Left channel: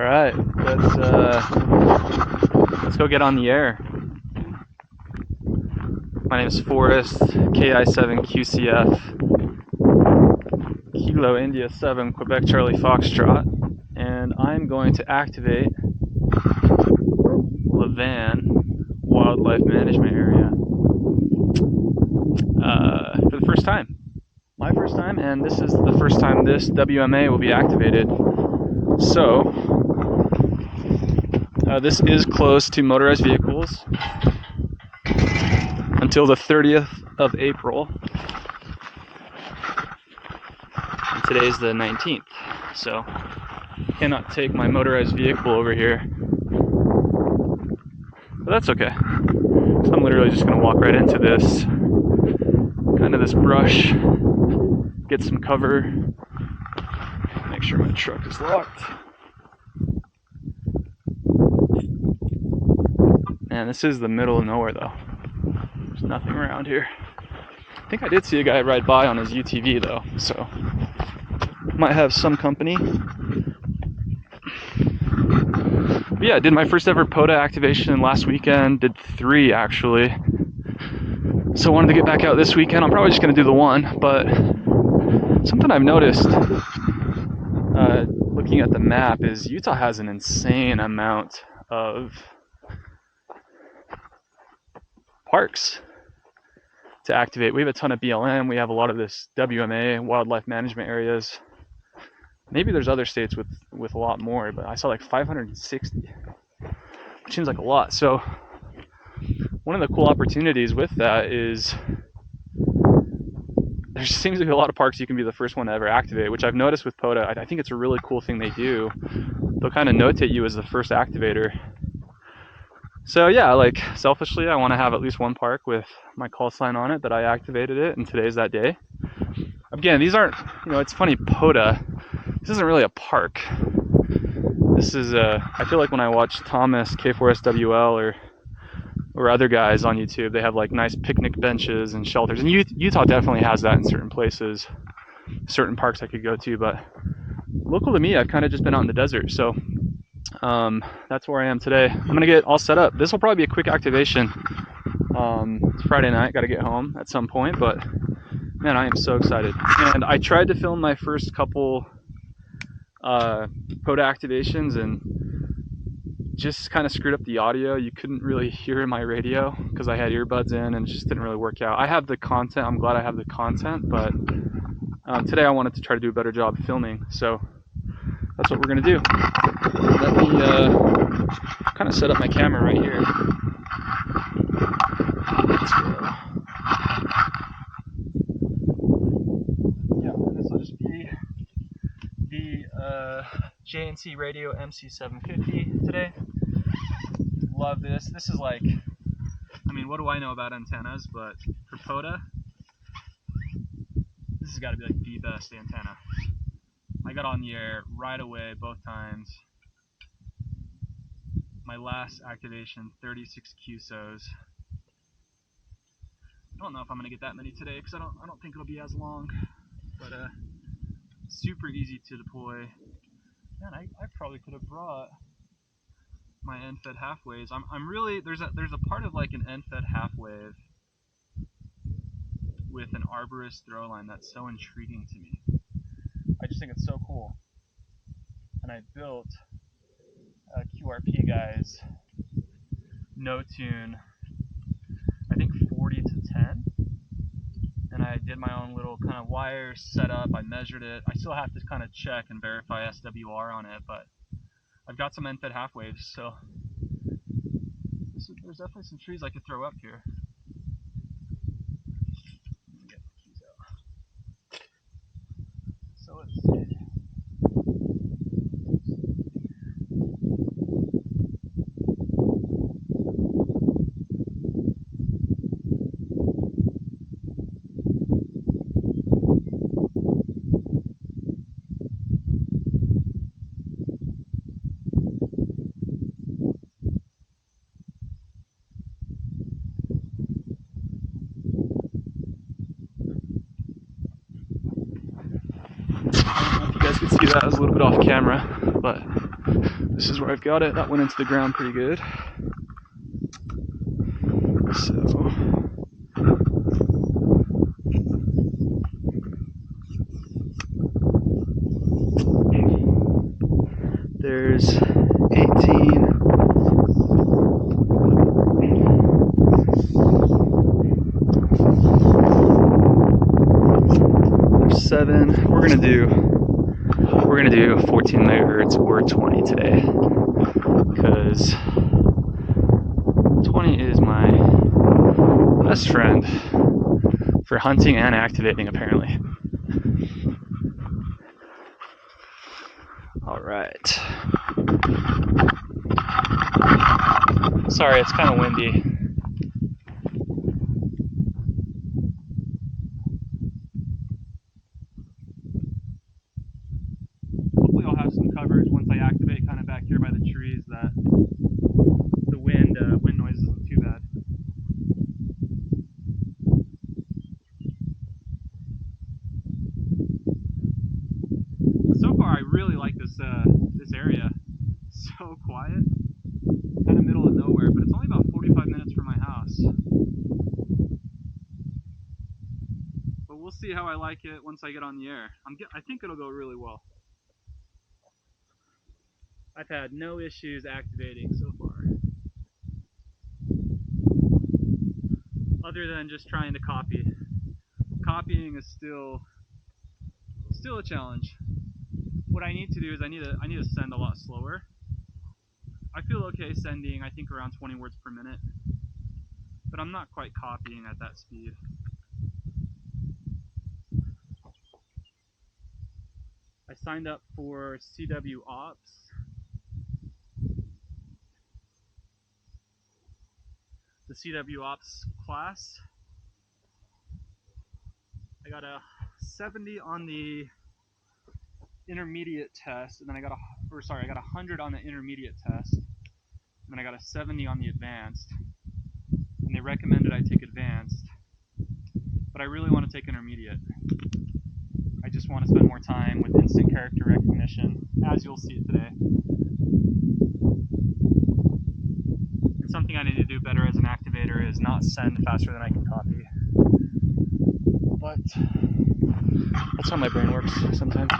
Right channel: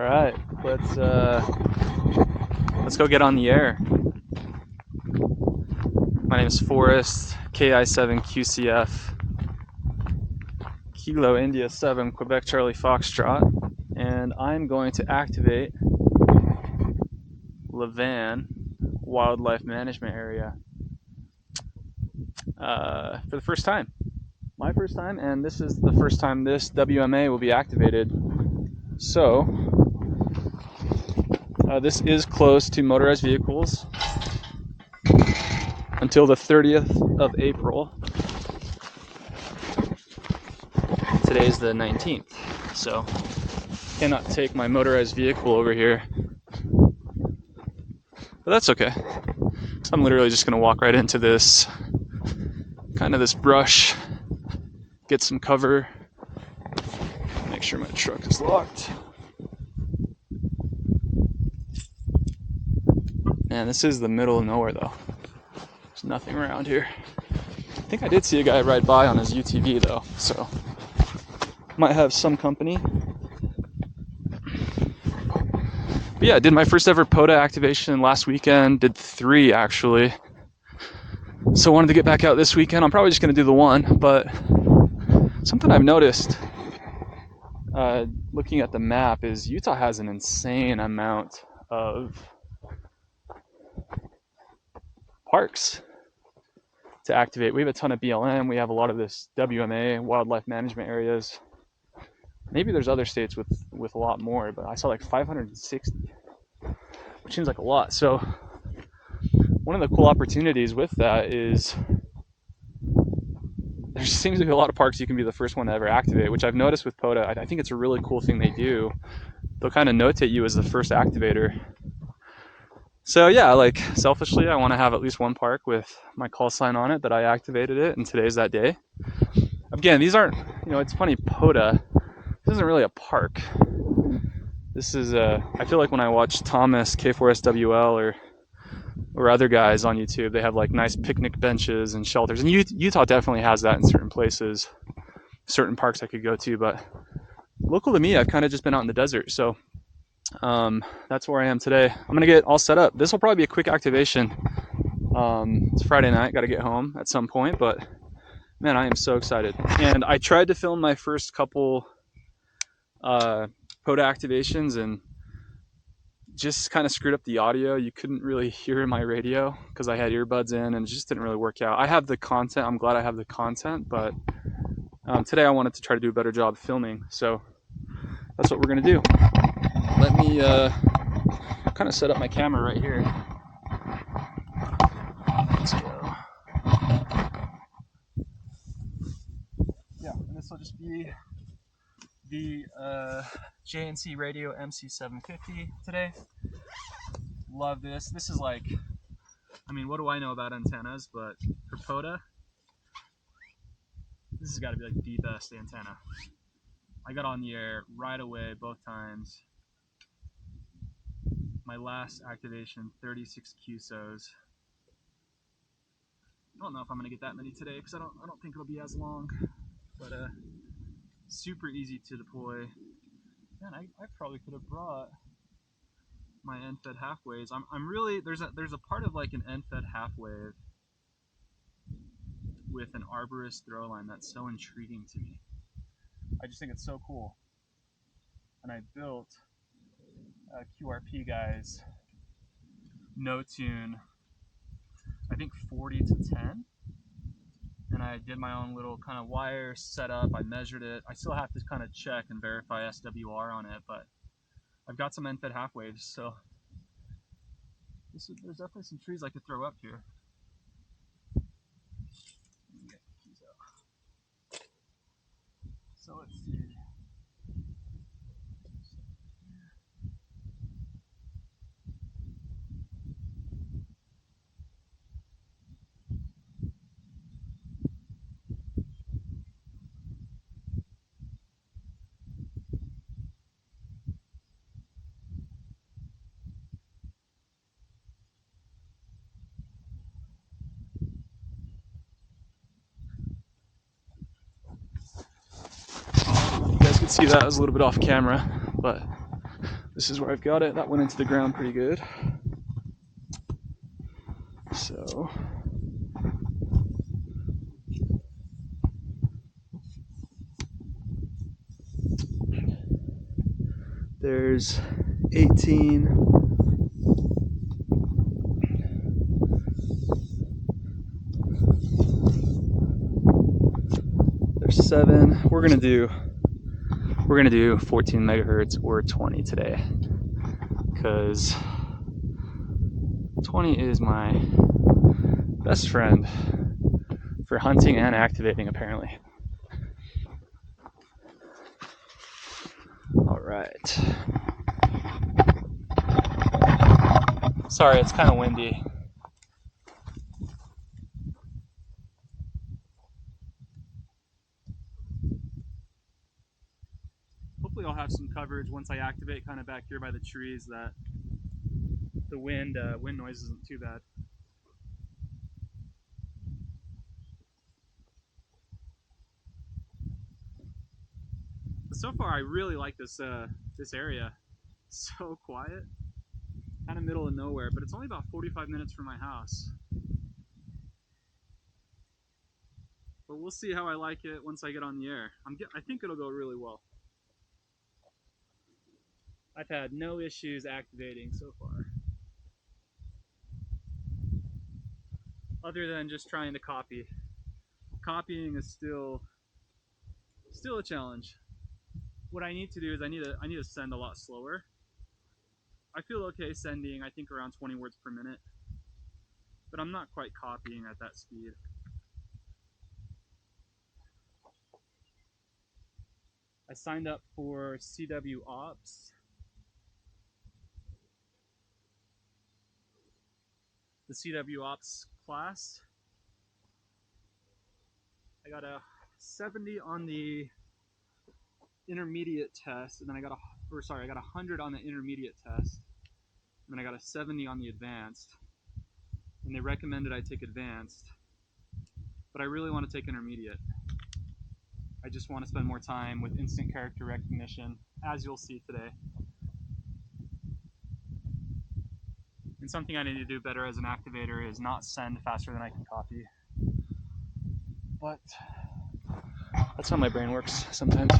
All right, let's go get on the air. My name is Forrest, KI7QCF, Kilo India 7, Quebec Charlie Foxtrot, and I'm going to activate Levan Wildlife Management Area for the first time. My first time, and this is the first time this WMA will be activated. So, this is closed to motorized vehicles until the 30th of April. Today's the 19th, so cannot take my motorized vehicle over here. But that's okay. So I'm literally just gonna walk right into this, kind of this brush, get some cover, make sure my truck is locked. Man, this is the middle of nowhere though. There's nothing around here. I think I did see a guy ride by on his UTV though, so might have some company. But yeah, I did my first ever Pota activation last weekend, did 3 actually. So wanted to get back out this weekend. I'm probably just gonna do the 1, but something I've noticed looking at the map is Utah has an insane amount of parks to activate. We have a ton of BLM, we have a lot of this WMA, wildlife management areas. Maybe there's other states with a lot more, but I saw like 560, which seems like a lot. So one of the cool opportunities with that is there seems to be a lot of parks you can be the first one to ever activate, which I've noticed with Pota. I think it's a really cool thing they do. They'll kind of notate you as the first activator. So yeah, like selfishly, I want to have at least one park with my call sign on it that I activated it, and today's that day. Again, these aren't, it's funny, Pota, this isn't really a park. This is I feel like when I watch Thomas, K4SWL, or other guys on YouTube, they have like nice picnic benches and shelters. And Utah definitely has that in certain places, certain parks I could go to. But local to me, I've kind of just been out in the desert. So that's where I am today. I'm going to get all set up. This will probably be a quick activation. It's Friday night, got to get home at some point. But man, I am so excited. And I tried to film my first couple Pota activations and just kind of screwed up the audio. You couldn't really hear my radio because I had earbuds in, and it just didn't really work out. I have the content. I'm glad I have the content, but today I wanted to try to do a better job filming, so that's what we're gonna do. Let me kind of set up my camera right here. Let's go. Yeah, and this will just be the JNC Radio MC750 today. Love this. This is like, I mean, what do I know about antennas, but for Pota, this has got to be like the best antenna. I got on the air right away both times. My last activation, 36 QSOs. I don't know if I'm gonna get that many today because I don't think it'll be as long, but super easy to deploy. Man, I probably could have brought my end-fed half waves. I'm really, there's a part of like an end-fed half wave with an arborist throw line that's so intriguing to me. I just think it's so cool. And I built a QRP guys no tune, I think 40 to 10. And I did my own little kind of wire setup. I measured it. I still have to kind of check and verify SWR on it, but I've got some end-fed half waves, so there's definitely some trees I could throw up here. Let me get the keys out. So let's see. I don't know if you guys could see that. I was a little bit off camera, but This is where I've got it. That went into the ground pretty good. So there's 18. There's 7. We're gonna do 14 megahertz or 20 today, because 20 is my best friend for hunting and activating, apparently. All right. Sorry, it's kind of windy. Hopefully I'll have some coverage once I activate kind of back here by the trees, that the wind noise isn't too bad. So far I really like this area. So quiet, kind of middle of nowhere, but it's only about 45 minutes from my house. But we'll see how I like it once I get on the air. I think it'll go really well. I've had no issues activating so far, other than just trying to copy. Copying is still a challenge. What I need to do is I need to send a lot slower. I feel okay sending, I think, around 20 words per minute, but I'm not quite copying at that speed. I signed up for CW Ops. The CW Ops class. I got a 70 on the intermediate test, and then I got 100 on the intermediate test, and then I got a 70 on the advanced, and they recommended I take advanced, but I really want to take intermediate. I just want to spend more time with instant character recognition, as you'll see today. And something I need to do better as an activator is not send faster than I can copy. But that's how my brain works sometimes.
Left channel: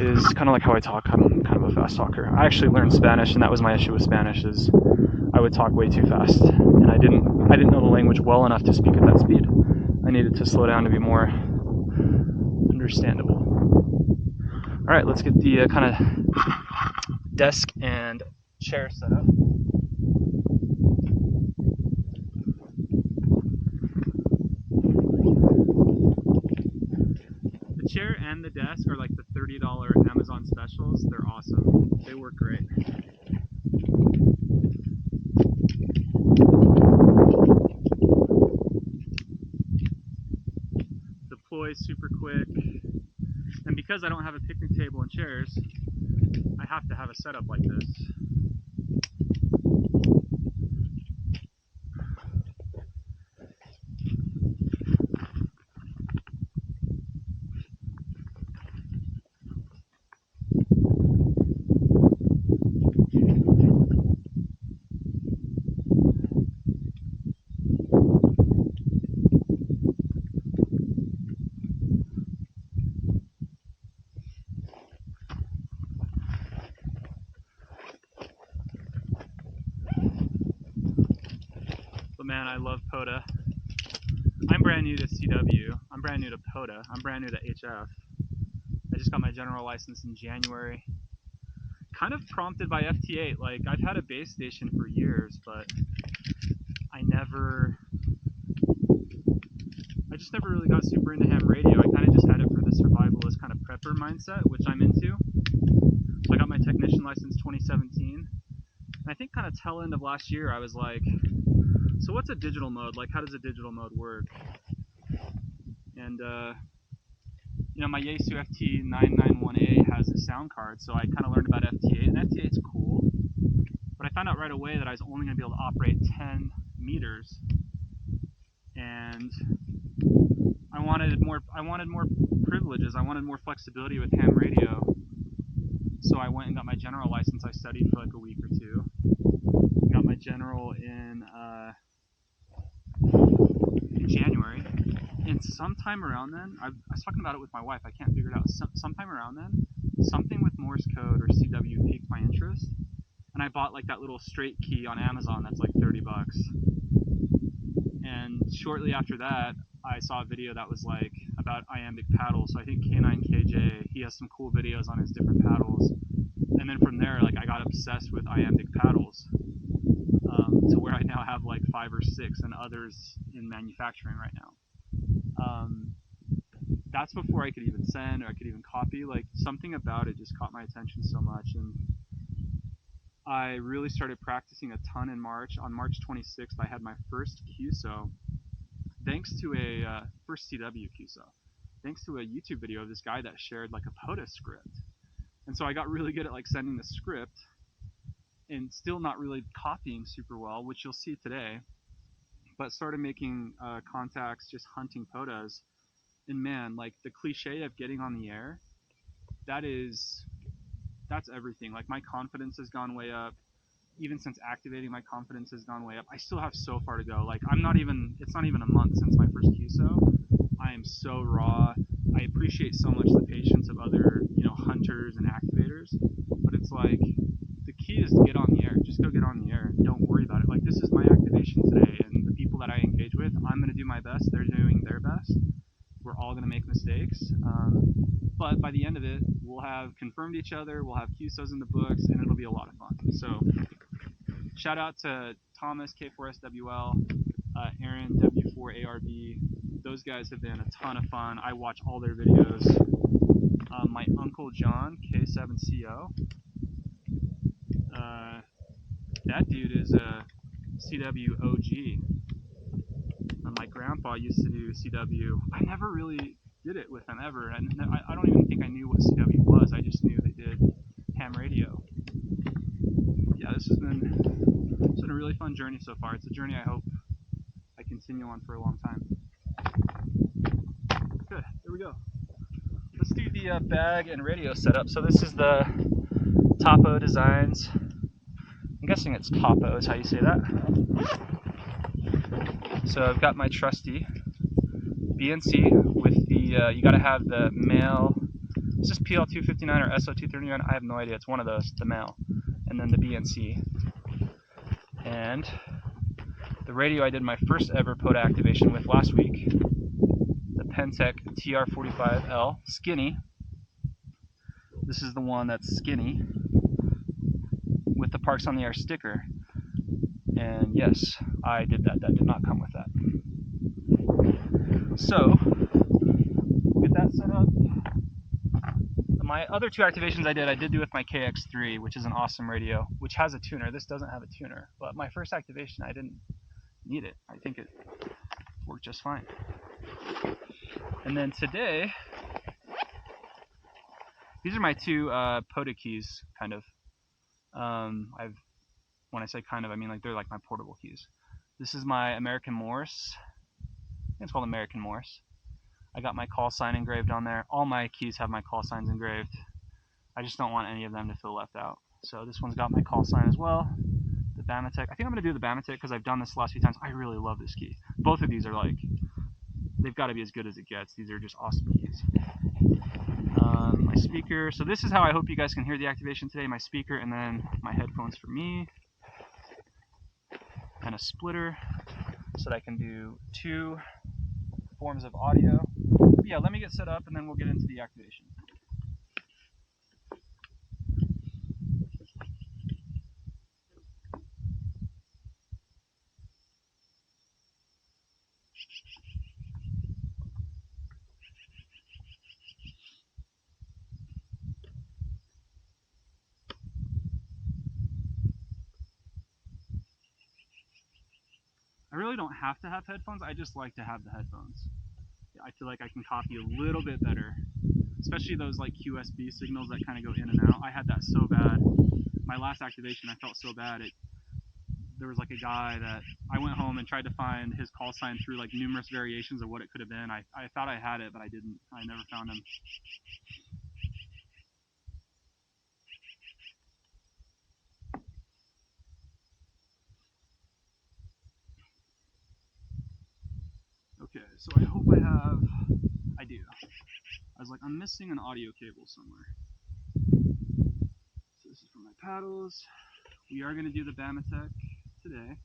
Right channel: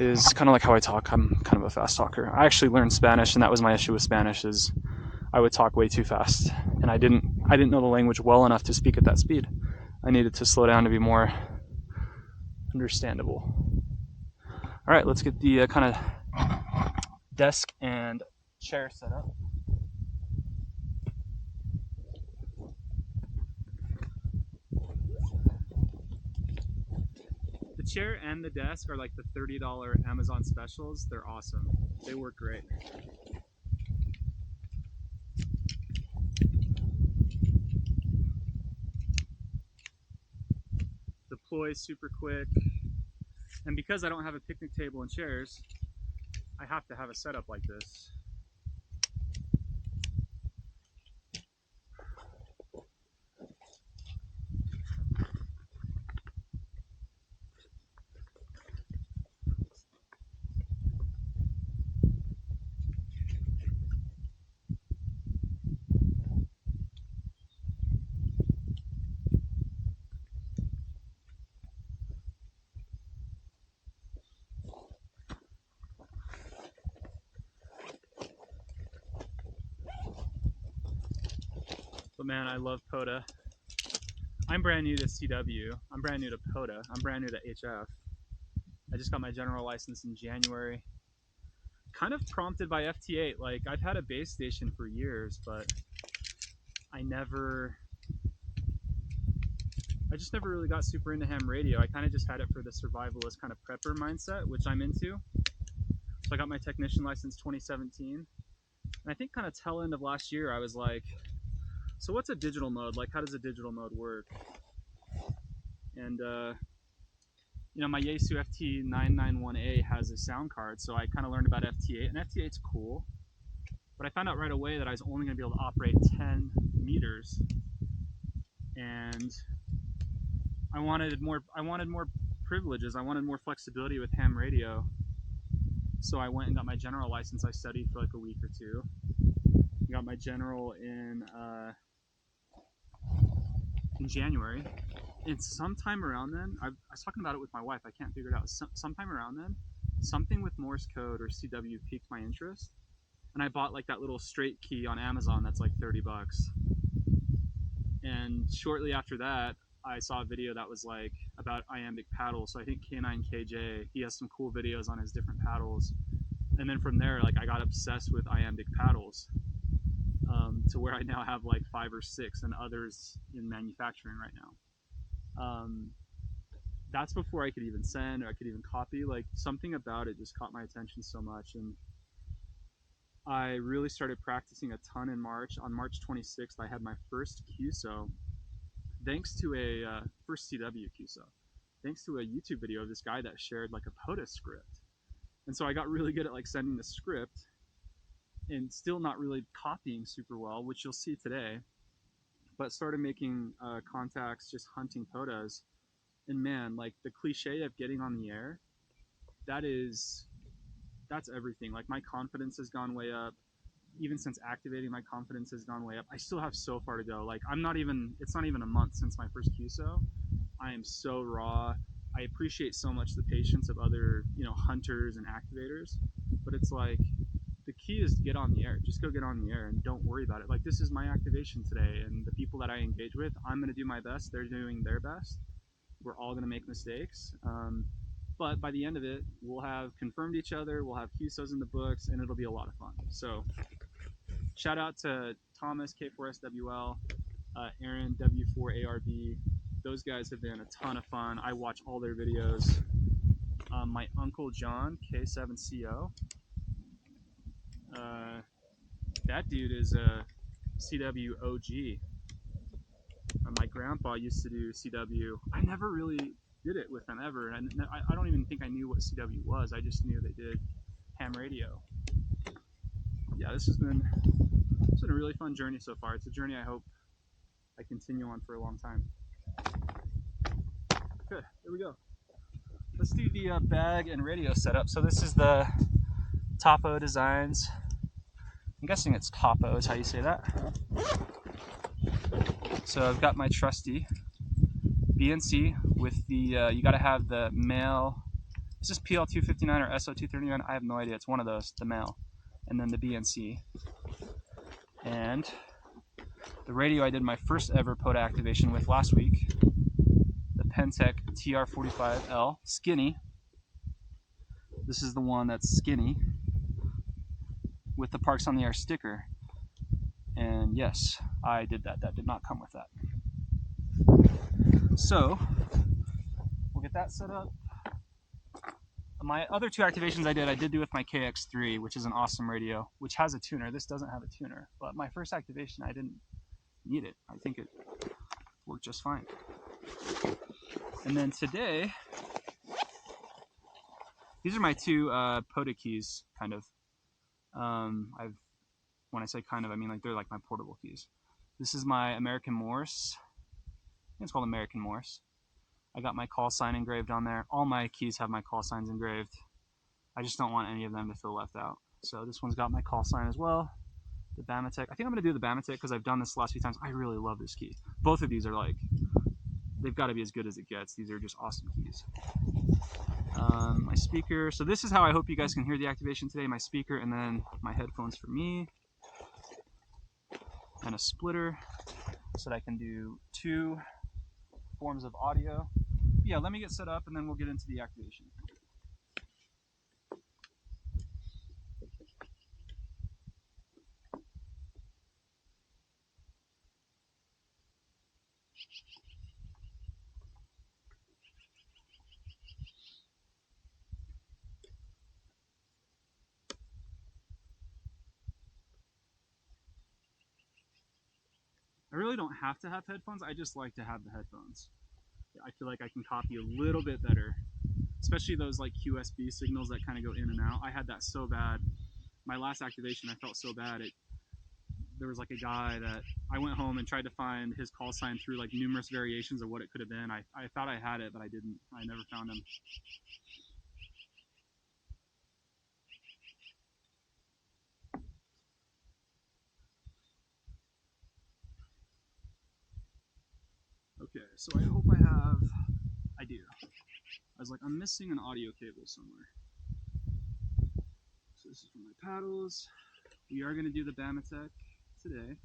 It is kind of like how I talk. I'm kind of a fast talker. I actually learned Spanish, and that was my issue with Spanish, is I would talk way too fast, and I didn't know the language well enough to speak at that speed. I needed to slow down to be more understandable. All right, let's get the kind of desk and chair set up. The chair and the desk are like the $30 Amazon specials. They're awesome. They work great. Deploy super quick. And because I don't have a picnic table and chairs, I have to have a setup like this. But man, I love Pota. I'm brand new to CW. I'm brand new to Pota. I'm brand new to HF. I just got my general license in January. Kind of prompted by FT8. Like, I've had a base station for years, but I just never really got super into ham radio. I kind of just had it for the survivalist kind of prepper mindset, which I'm into. So I got my technician license 2017. And I think kind of tail end of last year, I was like, so what's a digital mode? Like, how does a digital mode work? And, you know, my Yaesu FT991A has a sound card, so I kind of learned about FT8, and FT8's cool. But I found out right away that I was only going to be able to operate 10 meters, and I wanted more privileges. I wanted more flexibility with ham radio. So I went and got my general license. I studied for like a week or two. Got my general in January. And sometime around then, I was talking about it with my wife. I can't figure it out. Sometime around then, something with Morse code or CW piqued my interest, and I bought like that little straight key on Amazon that's like $30. And shortly after that, I saw a video that was like about iambic paddles. So I think K9KJ, he has some cool videos on his different paddles. And then from there, like I got obsessed with iambic paddles, to where I now have like 5 or 6 and others in manufacturing right now. That's before I could even send or I could even copy. Like something about it just caught my attention so much, and I really started practicing a ton in March. On March 26th, I had my first QSO, thanks to a first CW QSO, thanks to a YouTube video of this guy that shared like a Pota script. And so I got really good at like sending the script and still not really copying super well, which you'll see today, but started making contacts, just hunting Potas. And man, like the cliche of getting on the air, that's everything. Like my confidence has gone way up. Even since activating, my confidence has gone way up. I still have so far to go. Like it's not even a month since my first QSO. I am so raw. I appreciate so much the patience of other, hunters and activators, but it's like the key is to get on the air. Just go get on the air and don't worry about it. Like this is my activation today, and the people that I engage with, I'm going to do my best. They're doing their best. We're all going to make mistakes, but by the end of it, we'll have confirmed each other, we'll have QSOs in the books, and it'll be a lot of fun. So shout out to Thomas, K4SWL, Aaron, W4ARB. Those guys have been a ton of fun. I watch all their videos. My uncle John, K7CO, that dude is a CW OG. My grandpa used to do CW. I never really did it with them ever. I don't even think I knew what CW was. I just knew they did ham radio. Yeah, this has been a really fun journey so far. It's a journey I hope I continue on for a long time. Good, here we go. Let's do the bag and radio setup. So this is the Topo Designs. I'm guessing it's Topo is how you say that. So I've got my trusty BNC with the, you gotta have the male, is this PL259 or SO239? I have no idea, it's one of those, the male. And then the BNC. And the radio I did my first ever Pota activation with last week, the Pentec TR45L, skinny. This is the one that's skinny, with the Parks on the Air sticker. And yes, I did that. That did not come with that. So, we'll get that set up. My other 2 activations I did do with my KX3, which is an awesome radio, which has a tuner. This doesn't have a tuner, but my first activation, I didn't need it. I think it worked just fine. And then today, these are my 2 Pota keys, kind of. When I say kind of, I mean like they're like my portable keys. This is my American Morse. I think it's called American Morse. I got my call sign engraved on there. All my keys have my call signs engraved. I just don't want any of them to feel left out. So this one's got my call sign as well. The Bamatech. I think I'm going to do the Bamatech because I've done this the last few times. I really love this key. Both of these are like, they've got to be as good as it gets. These are just awesome keys. My speaker. So this is how I hope you guys can hear the activation today. My speaker and then my headphones for me. And a splitter so that I can do 2 forms of audio. But yeah, let me get set up and then we'll get into the activation. I really don't have to have headphones, I just like to have the headphones. I feel like I can copy a little bit better, especially those like QSB signals that kind of go in and out. I had that so bad. My last activation, I felt so bad. There was like a guy that I went home and tried to find his call sign through like numerous variations of what it could have been. I thought I had it, but I didn't. I never found him. so I hope I do. I was like, I'm missing an audio cable somewhere. So this is for my paddles. We are gonna do the Bamatech today.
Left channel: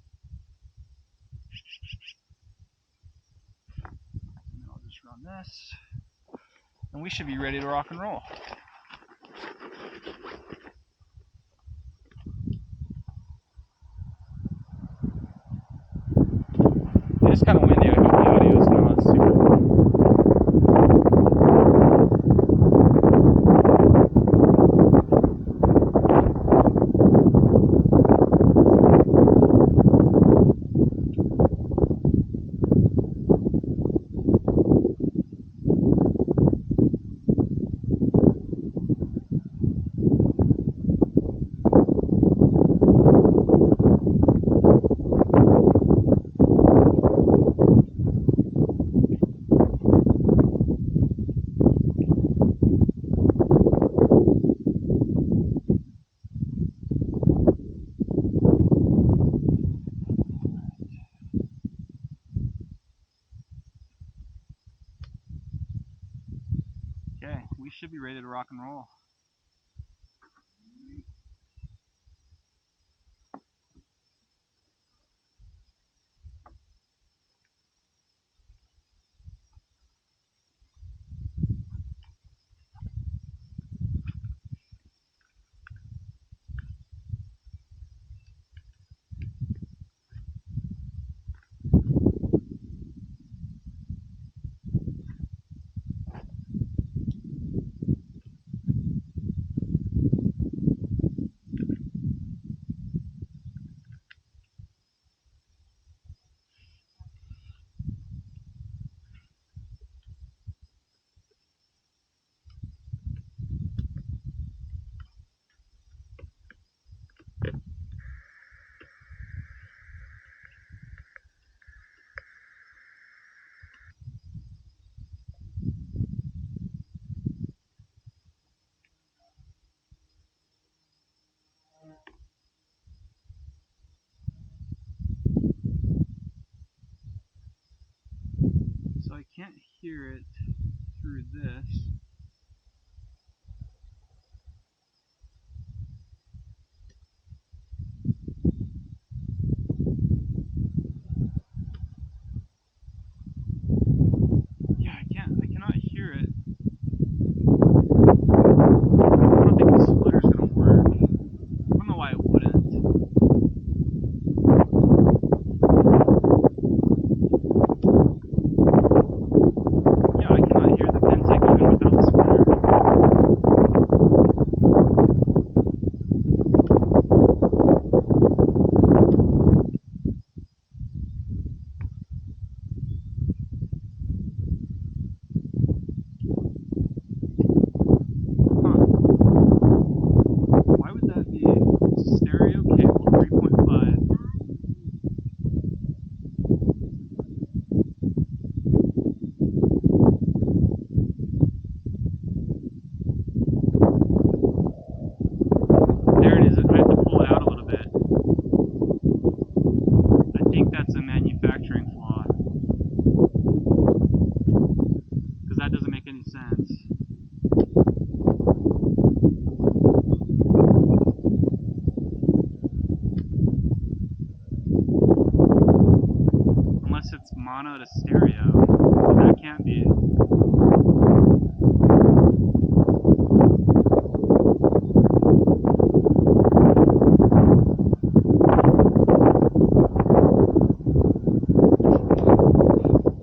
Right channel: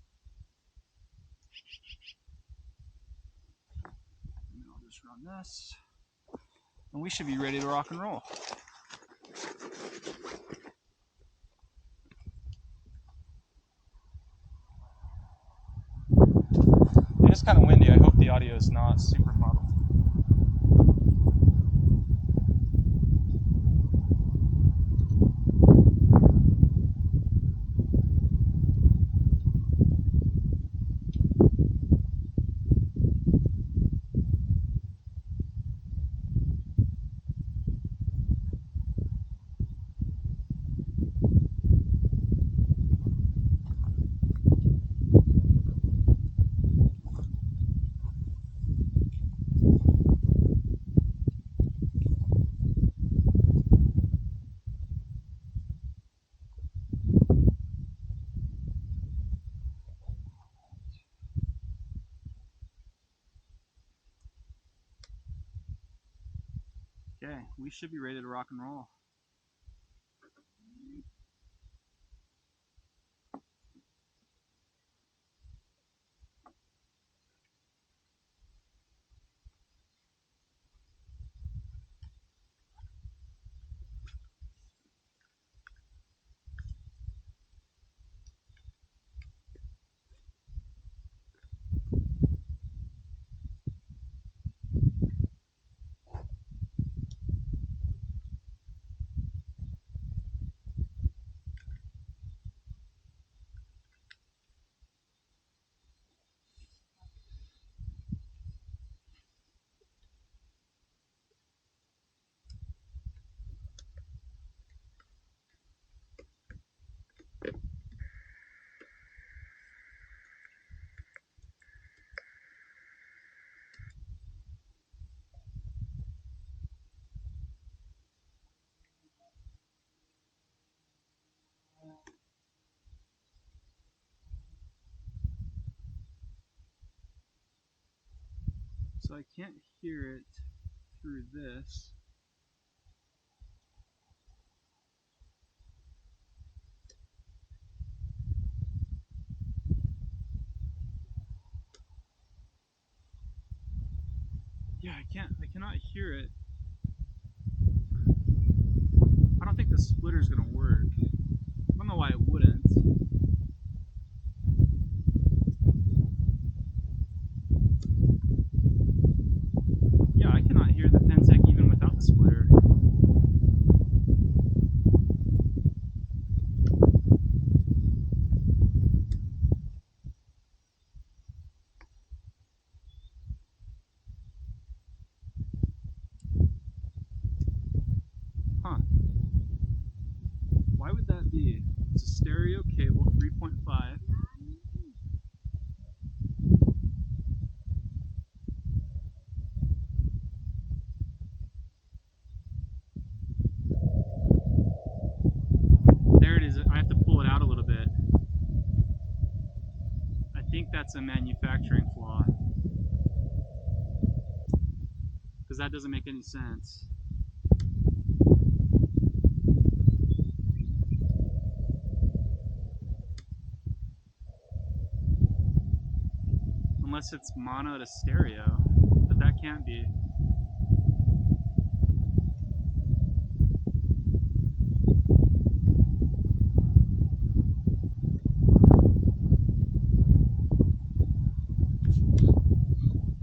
And then I'll just run this. And we should be ready to rock and roll. It is kind of windy. I hope the audio is not super. Okay, we should be ready to rock and roll. So I can't hear it through this. Yeah, I cannot hear it. I don't think the splitter's gonna work. I don't know why it wouldn't. Yeah, I cannot hear the Pentec even without the splitter. Huh. Why would that be? It's a stereo cable, 3.5. There it is. I have to pull it out a little bit. I think that's a manufacturing flaw. Because that doesn't make any sense. Unless it's mono to stereo, but that can't be.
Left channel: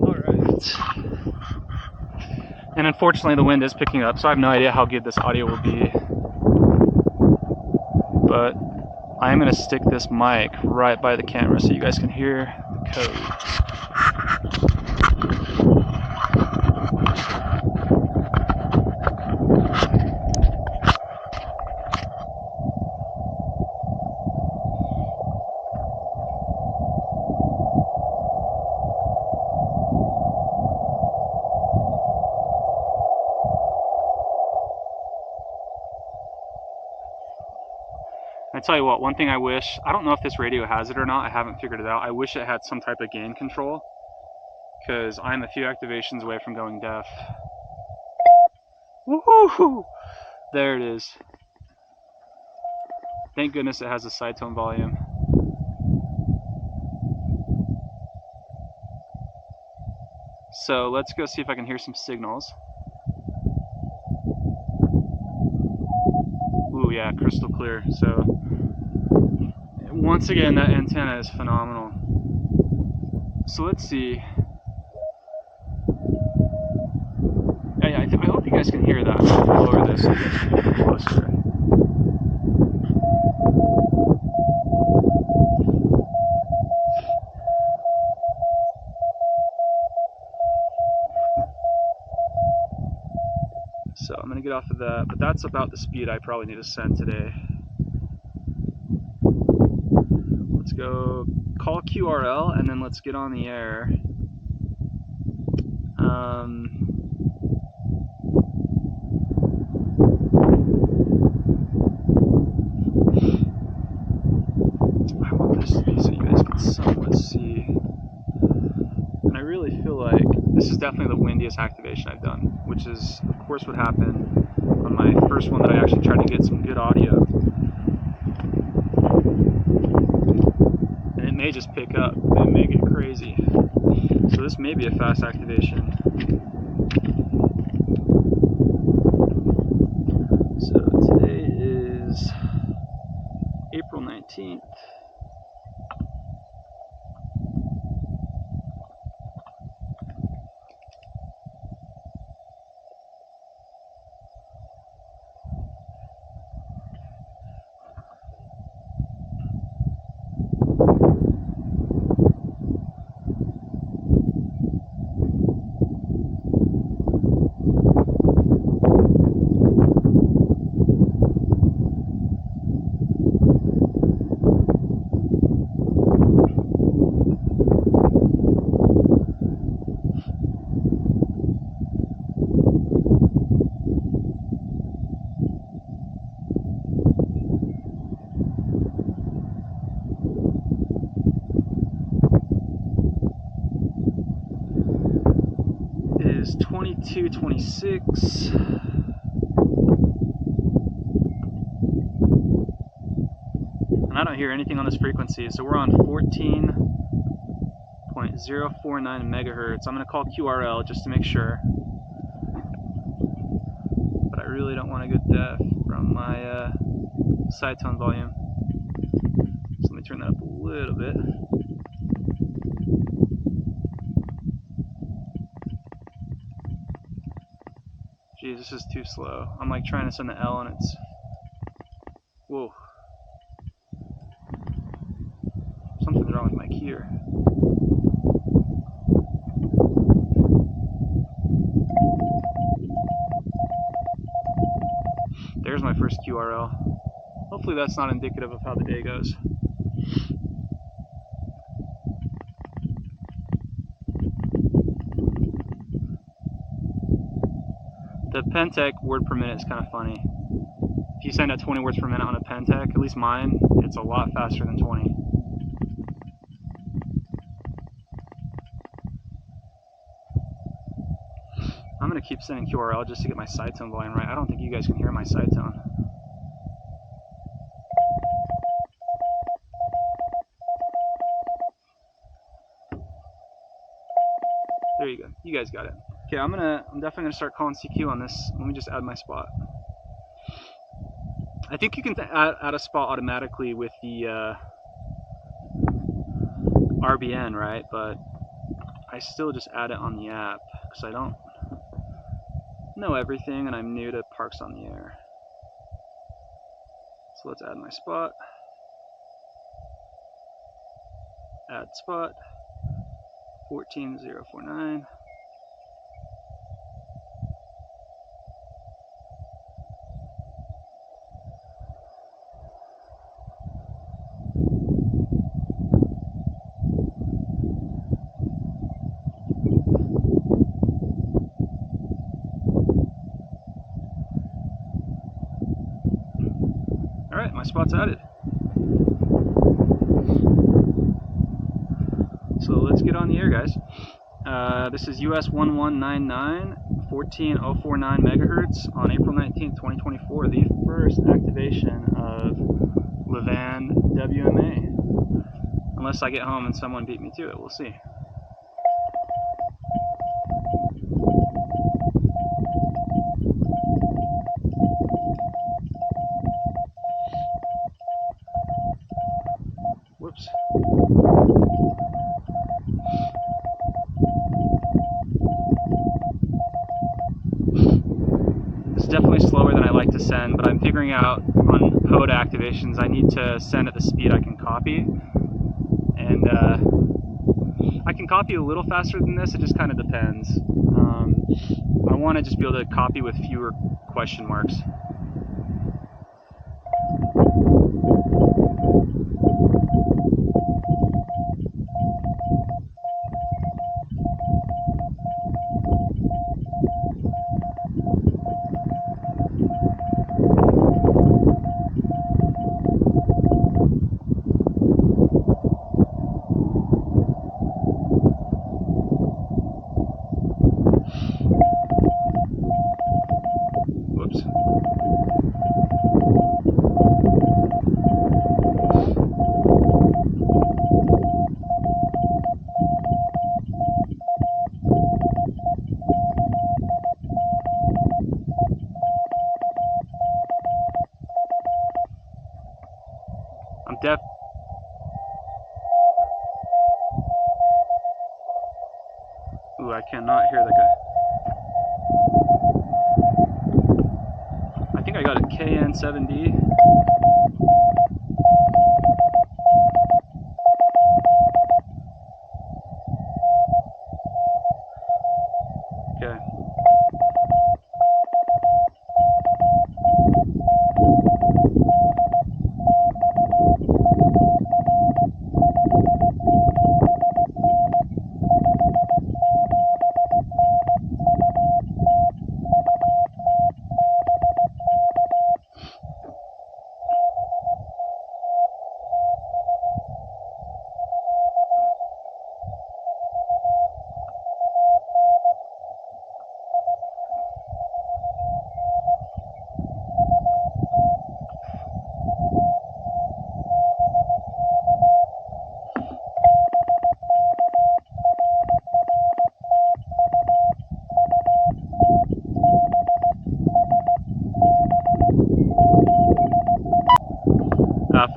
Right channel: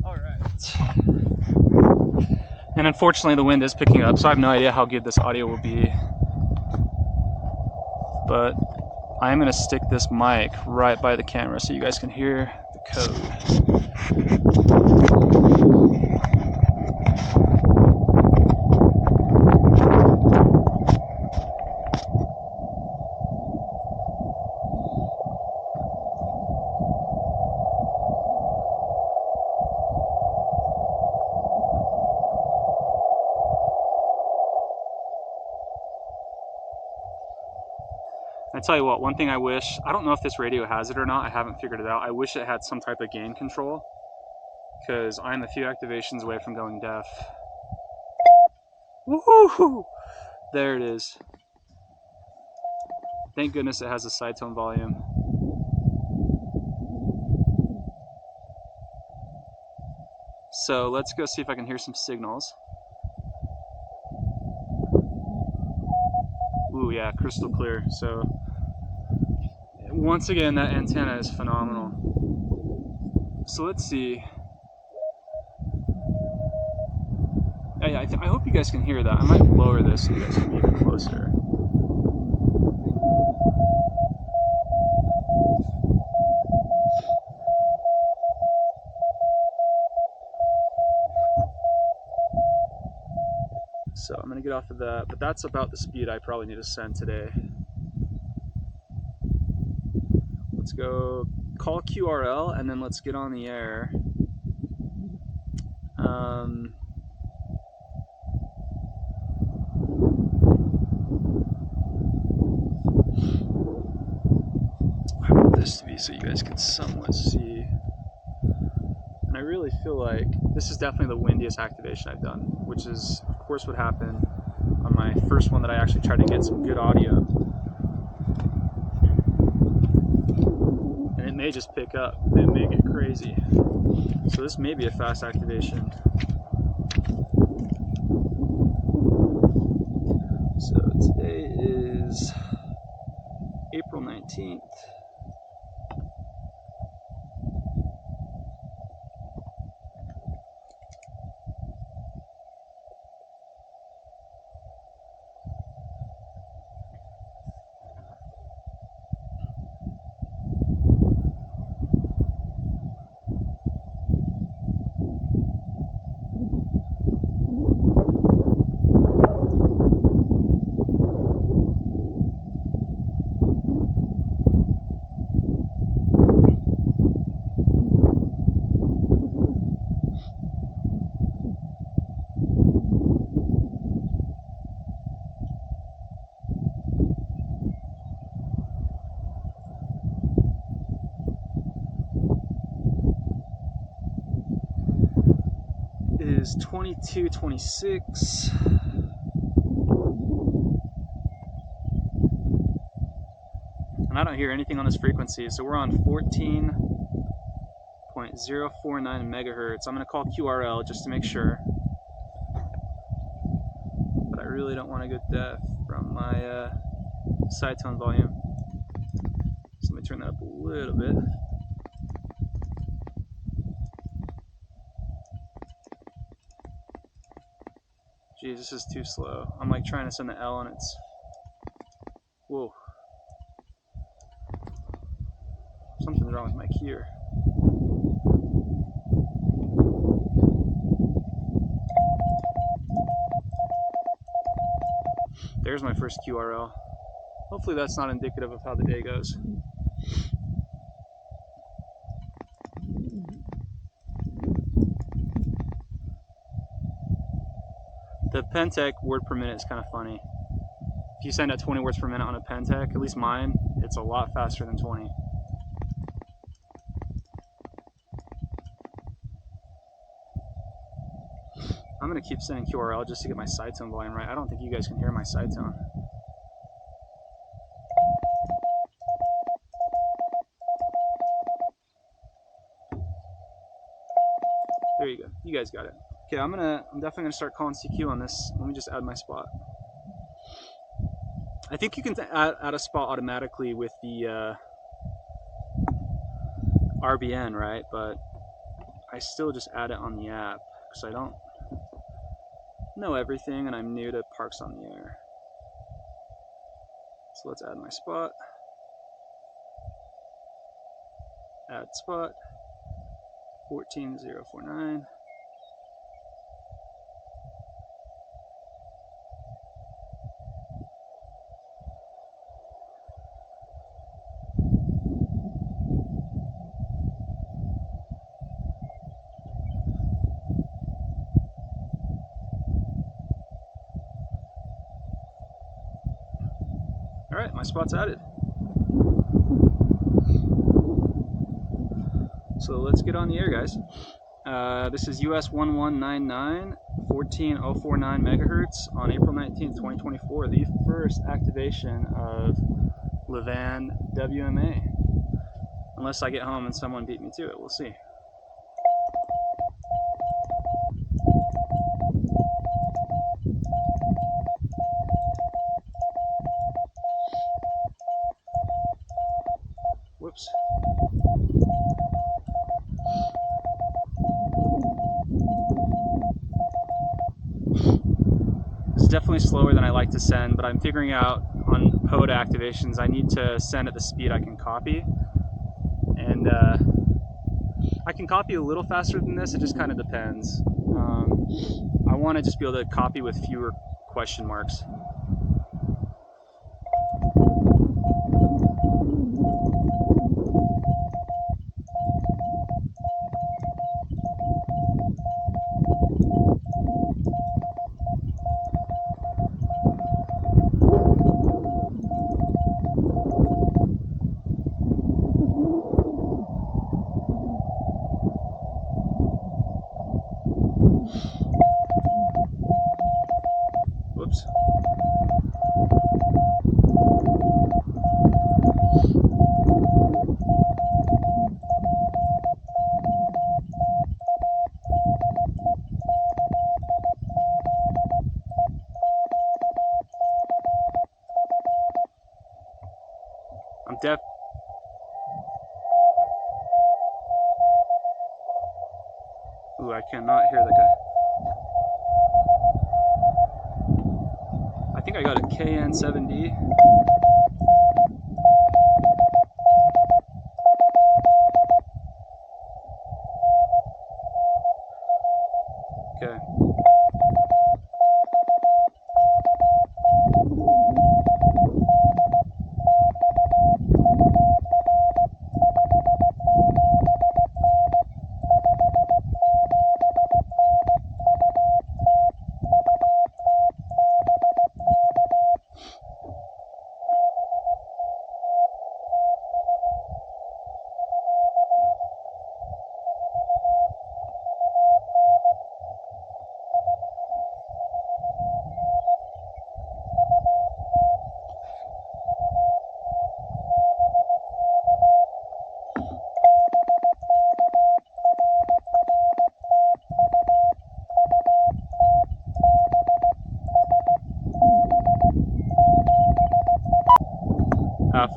Alright. And unfortunately the wind is picking up, so I have no idea how good this audio will be. But I'm going to stick this mic right by the camera so you guys can hear the code. I tell you what, one thing I wish, I don't know if this radio has it or not, I haven't figured it out. I wish it had some type of gain control. because I'm a few activations away from going deaf. Woohoo! There it is. Thank goodness it has a side tone volume. So let's go see if I can hear some signals. Ooh, yeah, crystal clear. So once again, that antenna is phenomenal. So let's see. I hope you guys can hear that. I might lower this so you guys can hear closer. So I'm gonna get off of that, but that's about the speed I probably need to send today. Let's go call QRL and then let's get on the air. I want this to be so you guys can somewhat see. And I really feel like this is definitely the windiest activation I've done, which is of course what happened on my first one that I actually tried to get some good audio. And it may just pick up, it may get crazy. So this may be a fast activation. So today is April 19th. Is 2226. And I don't hear anything on this frequency, so we're on 14.049 megahertz. I'm going to call QRL just to make sure, but I really don't want to go deaf from my side tone volume, so let me turn that up a little bit. Geez, this is too slow. I'm like trying to send the L and it's... Whoa. Something's wrong with my keyer. There's my first QRL. Hopefully that's not indicative of how the day goes. The Pentec word per minute is kind of funny. If you send out 20 words per minute on a Pentec, at least mine, it's a lot faster than 20. I'm going to keep sending QRL just to get my side tone volume right. I don't think you guys can hear my side tone. There you go. You guys got it. Okay, I'm definitely gonna start calling CQ on this. Let me just add my spot. I think you can add a spot automatically with the RBN, right? But I still just add it on the app because I don't know everything and I'm new to Parks on the Air. So let's add my spot. Add spot 14049. All right, my spot's added. So let's get on the air, guys. This is US-11199, 14049 megahertz on April 19th, 2024, the first activation of Levan WMA. Unless I get home and someone beat me to it, we'll see. Whoops. It's definitely slower than I like to send, but I'm figuring out on Pota activations I need to send at the speed I can copy. And I can copy a little faster than this, it just kind of depends. I want to just be able to copy with fewer question marks. Whoops. I'm deaf. Ooh, I cannot hear the guy. I think I got a KN7D. Okay.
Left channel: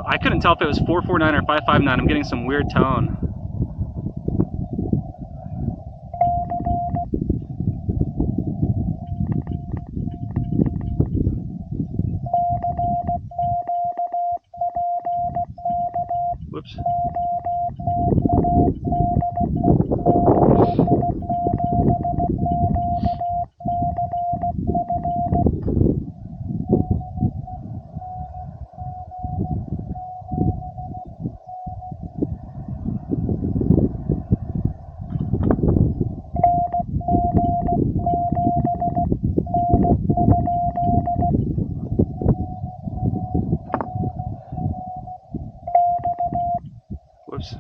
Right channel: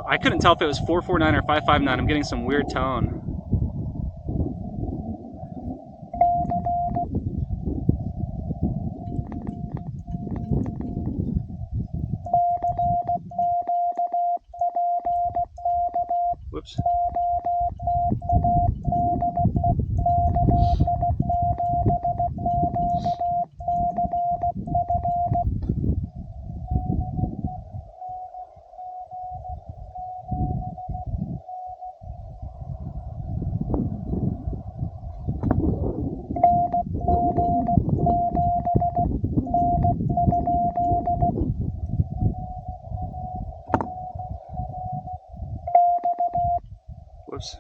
I couldn't tell if it was 449 or 559. I'm getting some weird tone. Whoops. Whoops.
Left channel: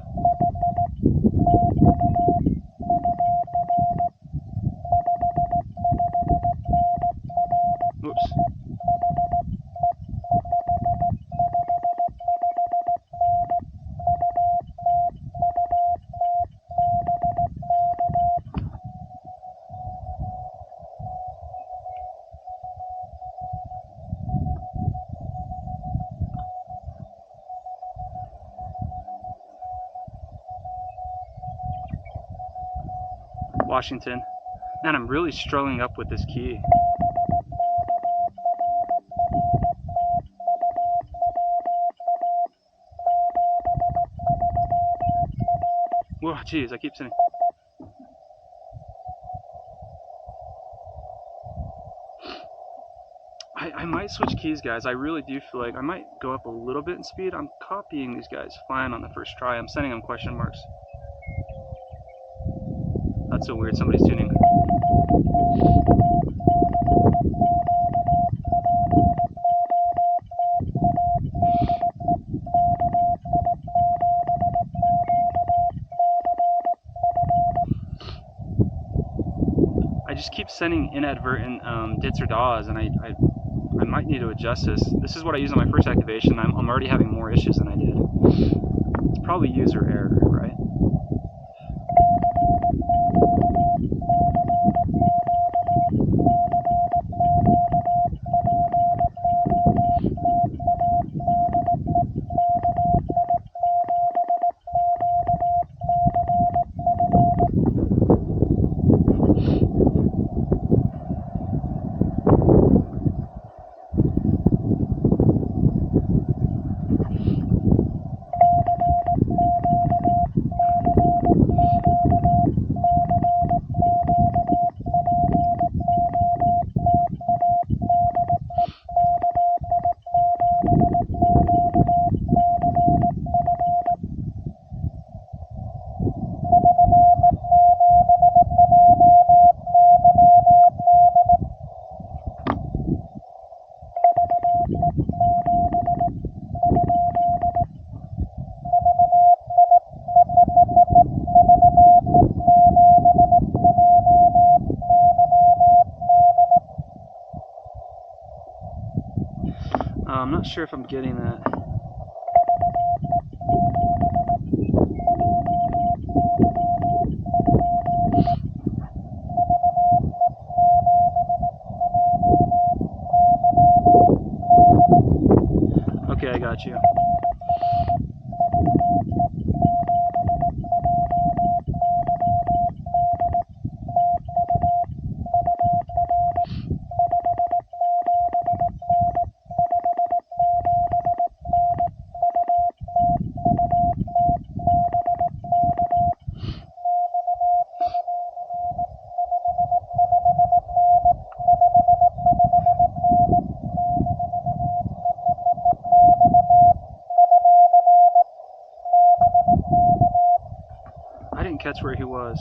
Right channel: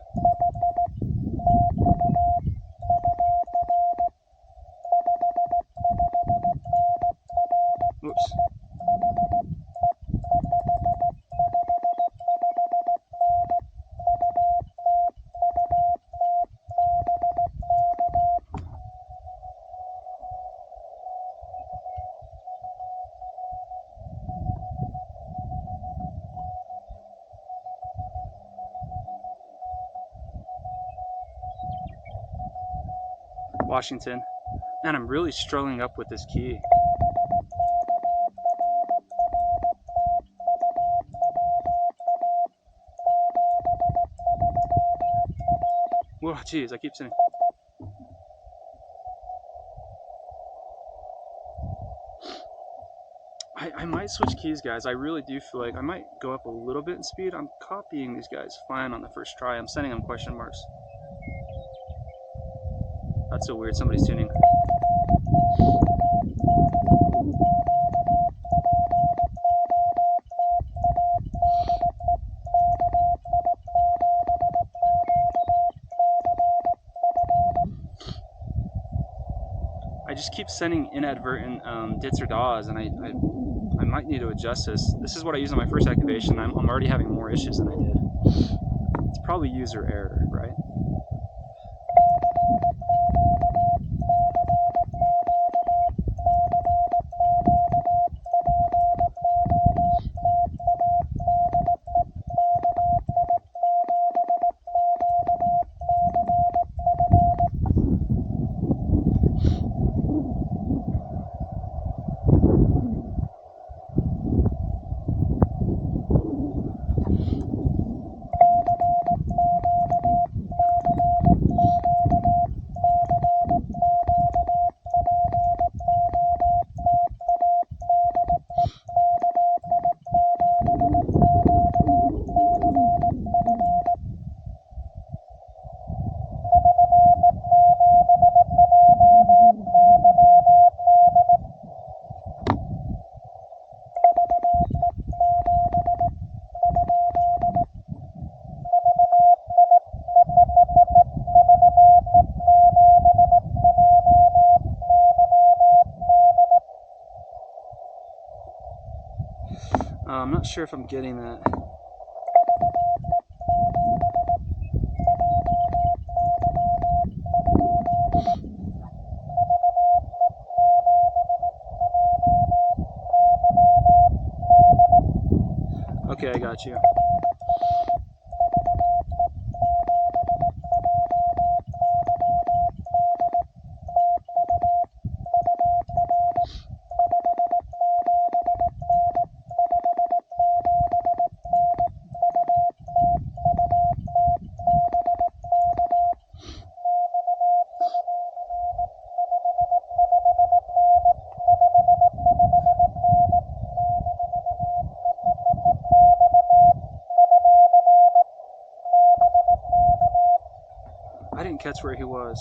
Whoops. Washington. Man, I'm really struggling up with this key. Whoa, geez, I keep sitting. I might switch keys, guys. I really do feel like I might go up a little bit in speed. I'm copying these guys fine on the first try. I'm sending them question marks. That's so weird. Somebody's tuning. keeps sending inadvertent dits or DAWs, and I might need to adjust this. This is what I used on my first activation. I'm already having more issues than I did. It's probably user error, right? I'm not sure if I'm getting that. Okay, I got you. I didn't catch where he was.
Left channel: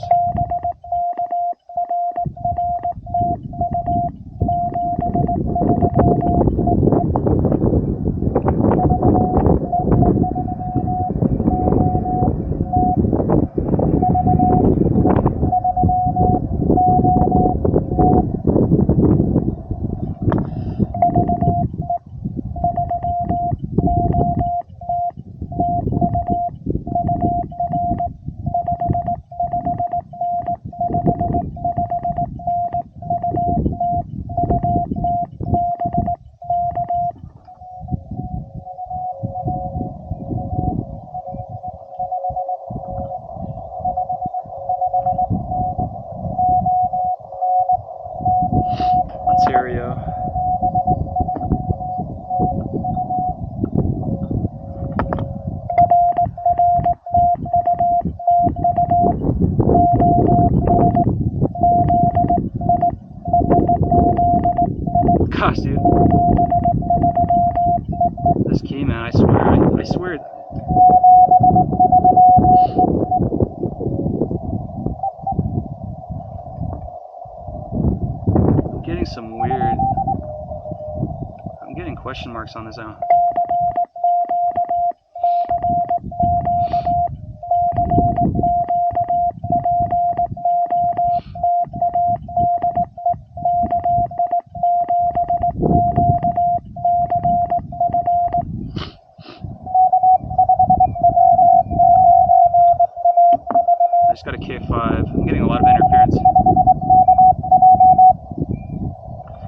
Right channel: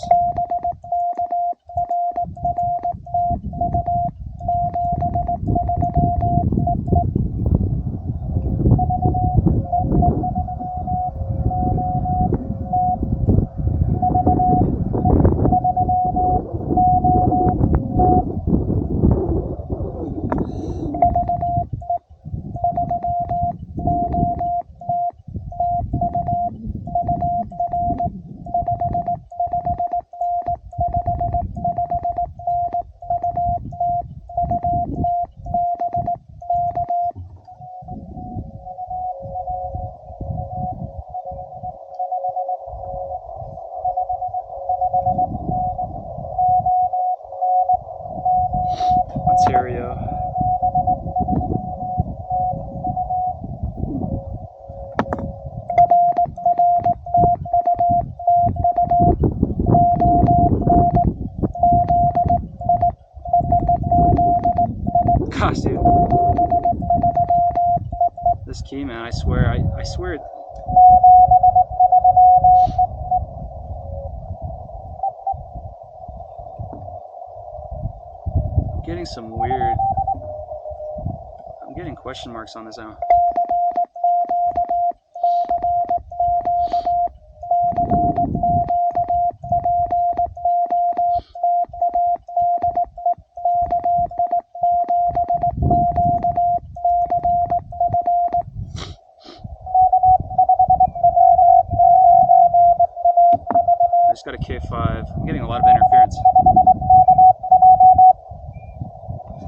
Ontario. Gosh, dude. This key, man, I swear. I'm getting some weird. I'm getting question marks on this now. I just got a K5. I'm getting a lot of interference.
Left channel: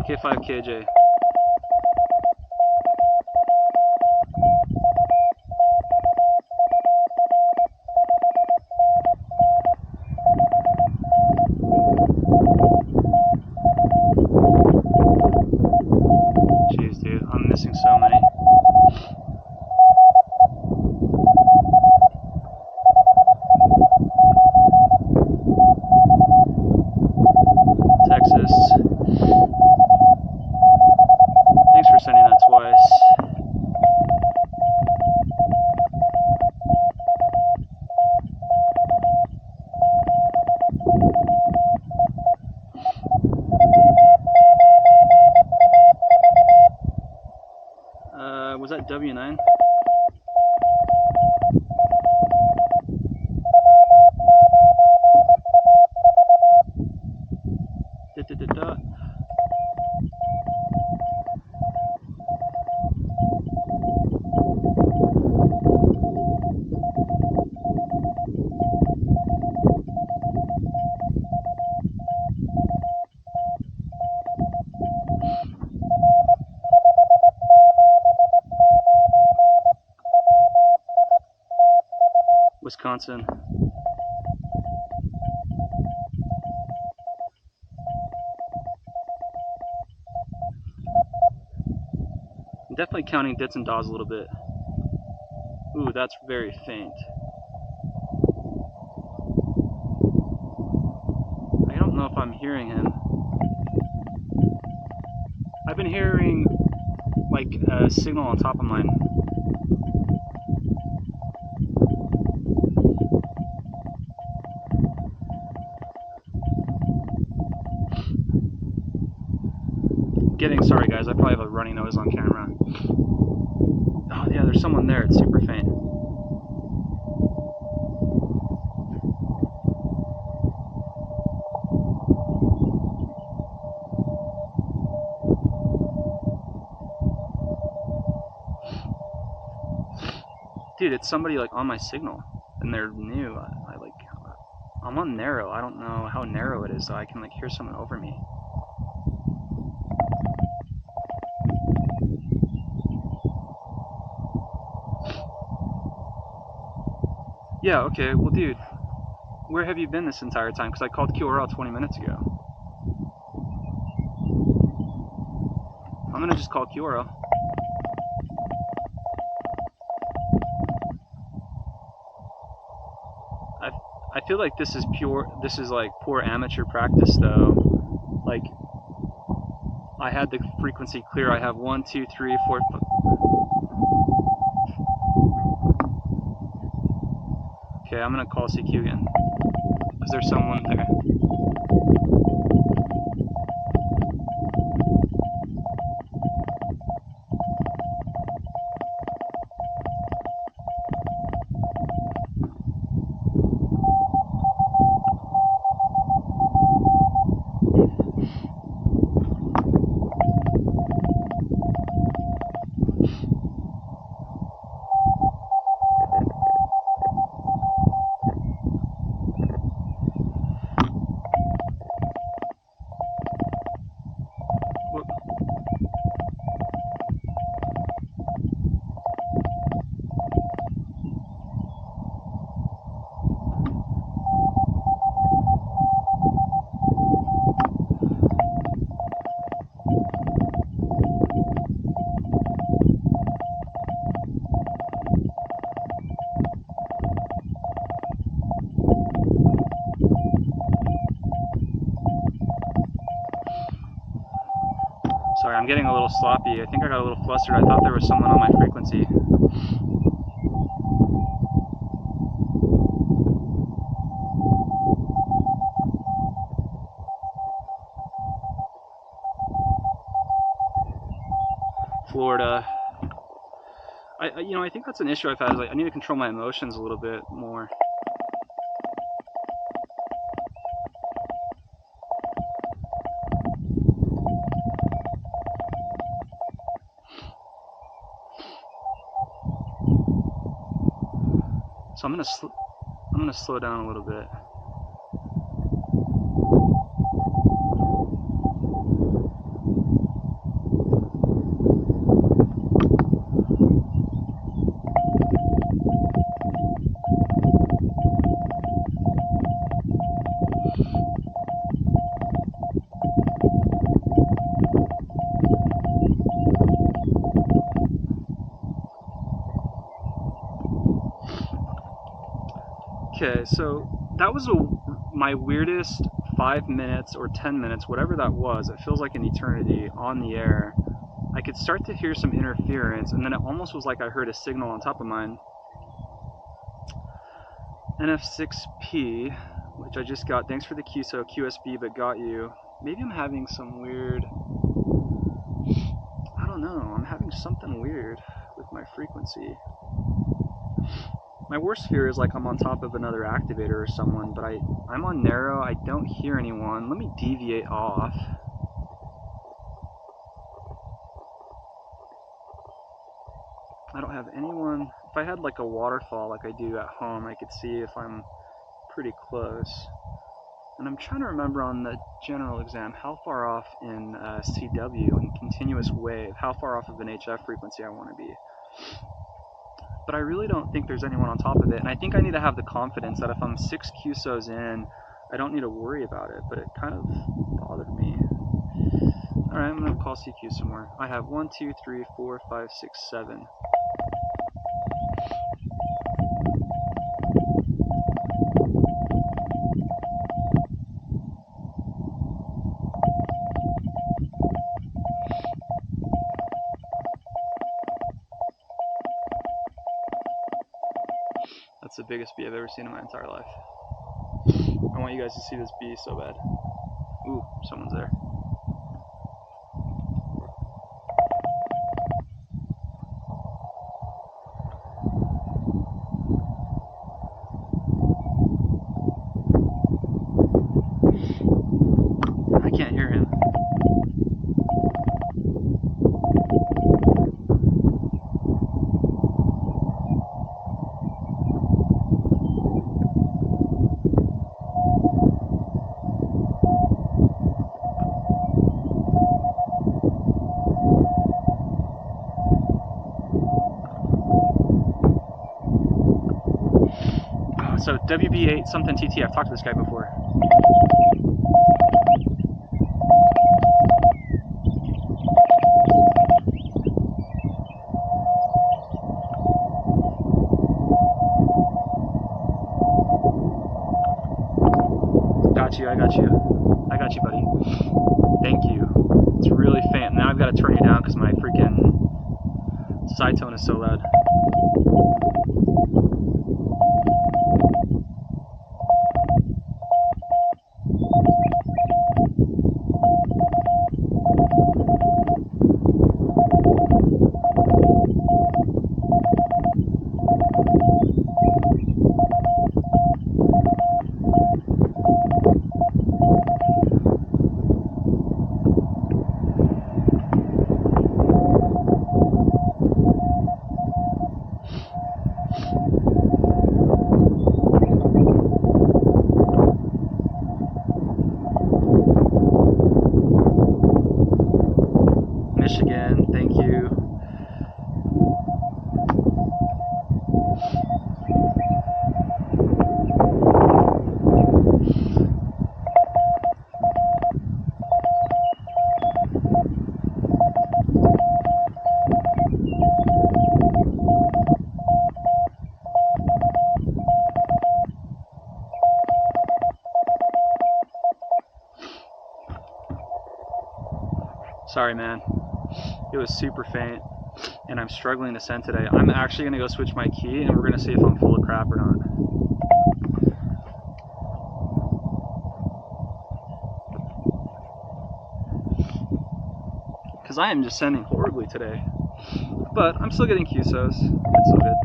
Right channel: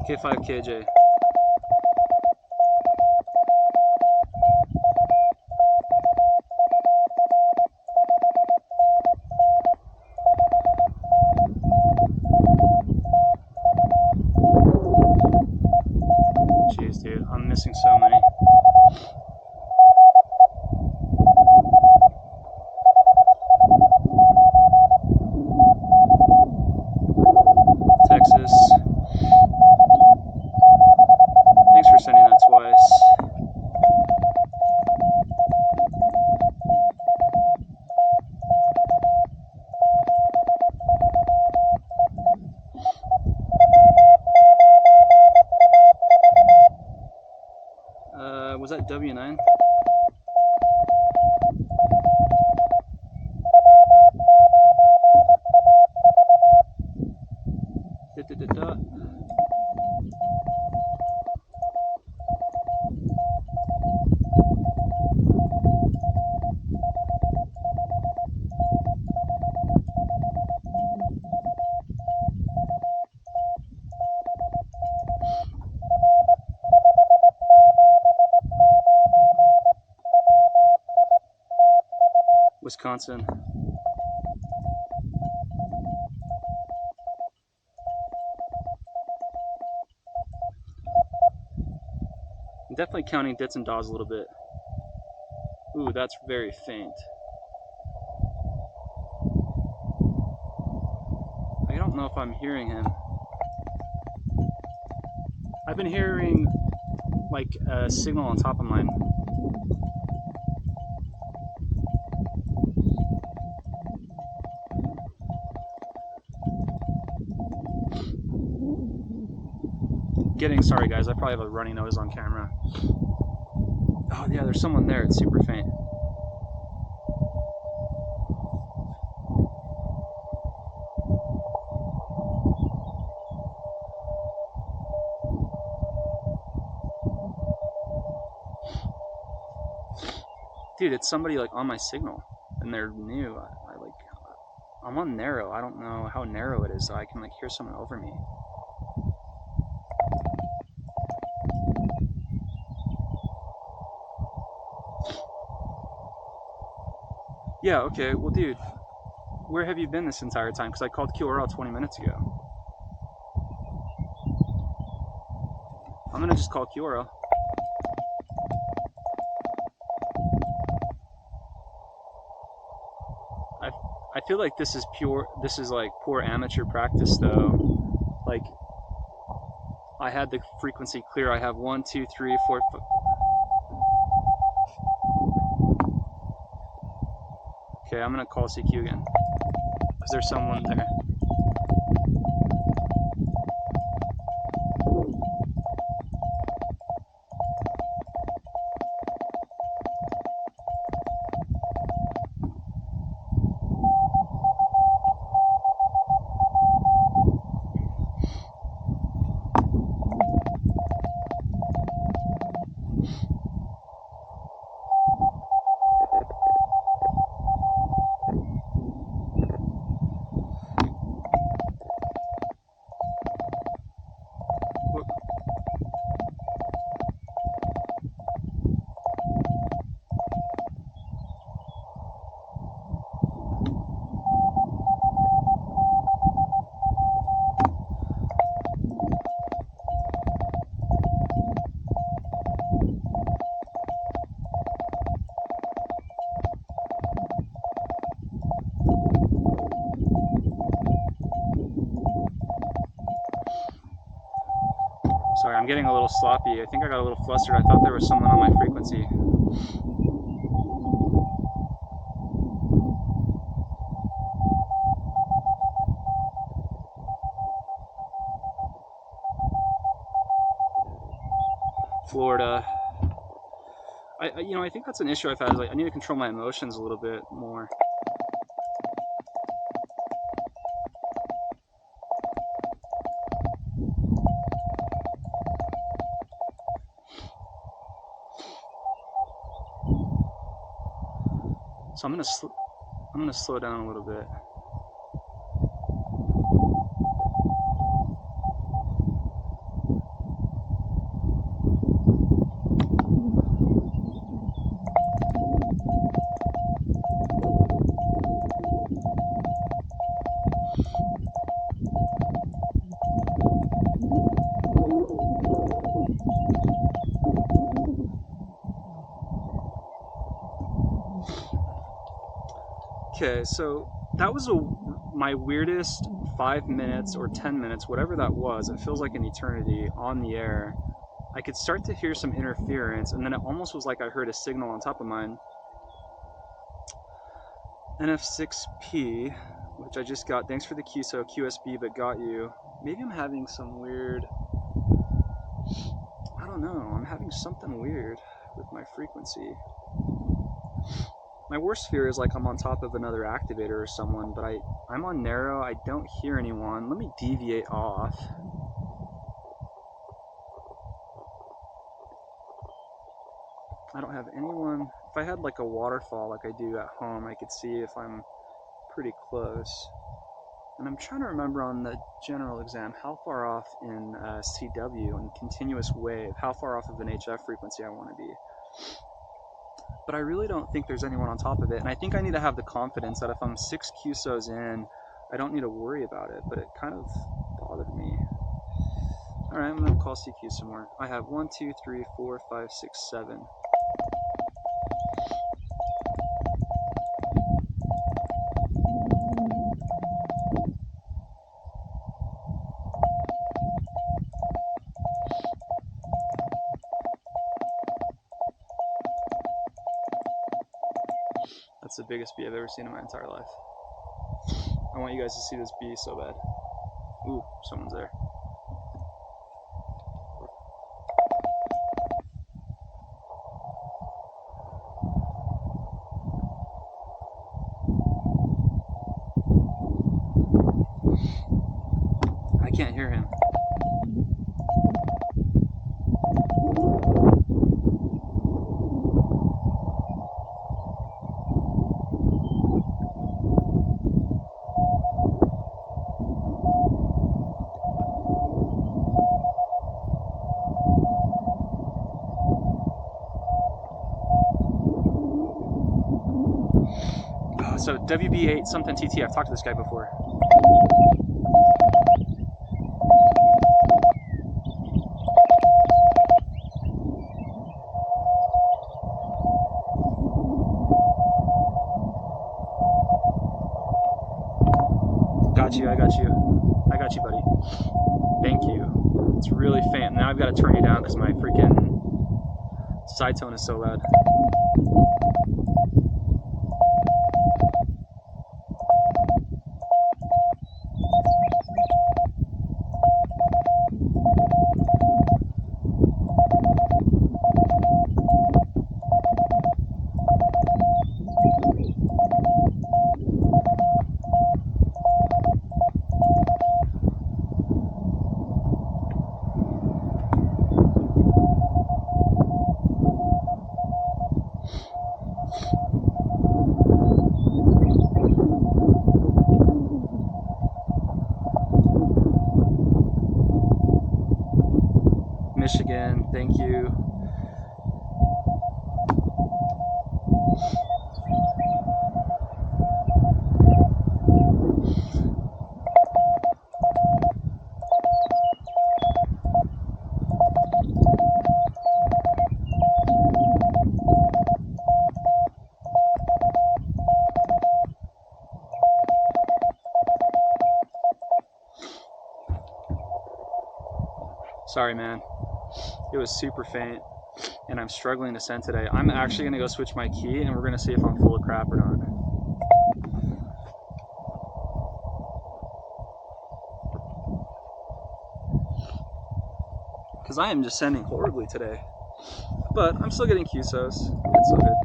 K5 KJ. Jeez, dude, I'm missing so many. Texas. Thanks for sending that twice. Was that W9? Wisconsin. I'm definitely counting dits and daws a little bit. Ooh, that's very faint. I don't know if I'm hearing him. I've been hearing like a signal on top of mine. Sorry guys, I probably have a runny nose on camera. Oh yeah, there's someone there, it's super faint. Dude, it's somebody like on my signal, and they're new. I'm on narrow. I don't know how narrow it is, so I can like hear someone over me. Yeah, okay, well dude, where have you been this entire time? Because I called QRL 20 minutes ago. I'm gonna just call QRL. I feel like this is like poor amateur practice though. Like, I had the frequency clear. I have 1, 2, 3, 4, 5. Okay, I'm gonna call CQ again. Is there someone there? Sorry, I'm getting a little sloppy. I think I got a little flustered. I thought there was someone on my frequency. Florida. I think that's an issue I've had. Is like, I need to control my emotions a little bit more. So I'm gonna slow down a little bit. Okay, so that was my weirdest 5 minutes or 10 minutes, whatever that was. It feels like an eternity on the air. I could start to hear some interference, and then it almost was like I heard a signal on top of mine. NF6P, which I just got. Thanks for the QSO QSB, but got you. Maybe I'm having some weird, I don't know, I'm having something weird with my frequency. My worst fear is like I'm on top of another activator or someone, but I'm on narrow, I don't hear anyone. Let me deviate off. I don't have anyone. If I had like a waterfall like I do at home, I could see if I'm pretty close. And I'm trying to remember on the general exam, how far off in CW, in continuous wave, how far off of an HF frequency I want to be. but I really don't think there's anyone on top of it. And I think I need to have the confidence that if I'm 6 QSOs in, I don't need to worry about it, but it kind of bothered me. All right, I'm gonna call CQ some more. I have 1, 2, 3, 4, 5, 6, 7. That's the biggest bee I've ever seen in my entire life. I want you guys to see this bee so bad. Ooh, someone's there. I can't hear him. So WB8 something TT, I've talked to this guy before. Got you, I got you. I got you, buddy. Thank you. It's really faint. Now I've got to turn you down because my freaking side tone is so loud. Michigan, thank you. Sorry, man. It was super faint, and I'm struggling to send today. I'm actually gonna go switch my key, and we're gonna see if I'm full of crap or not. Because I am just sending horribly today. But I'm still getting QSOs. It's so good.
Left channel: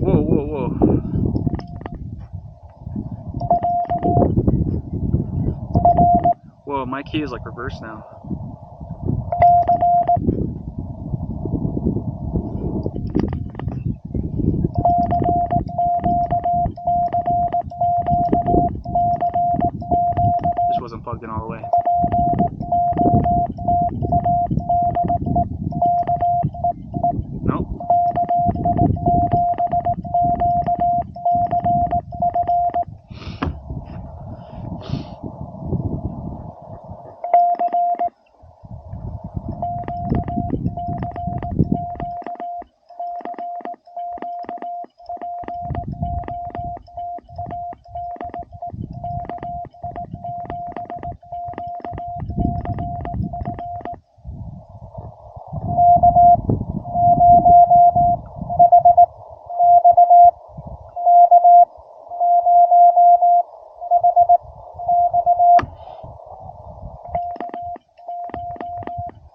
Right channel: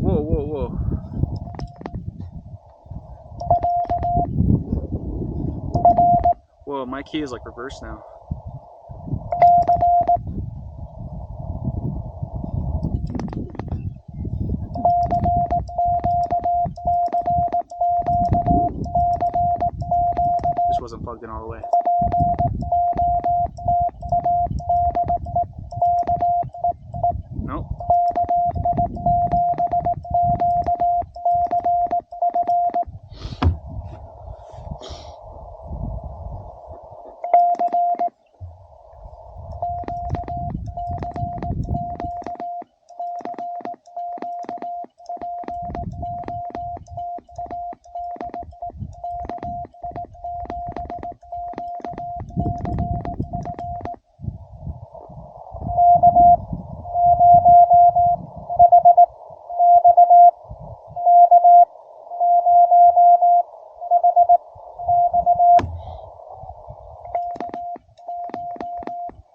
Whoa, whoa, whoa. Whoa, my key is like reversed now. This wasn't plugged in all the way. Nope.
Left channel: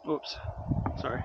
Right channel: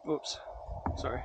Oops, sorry.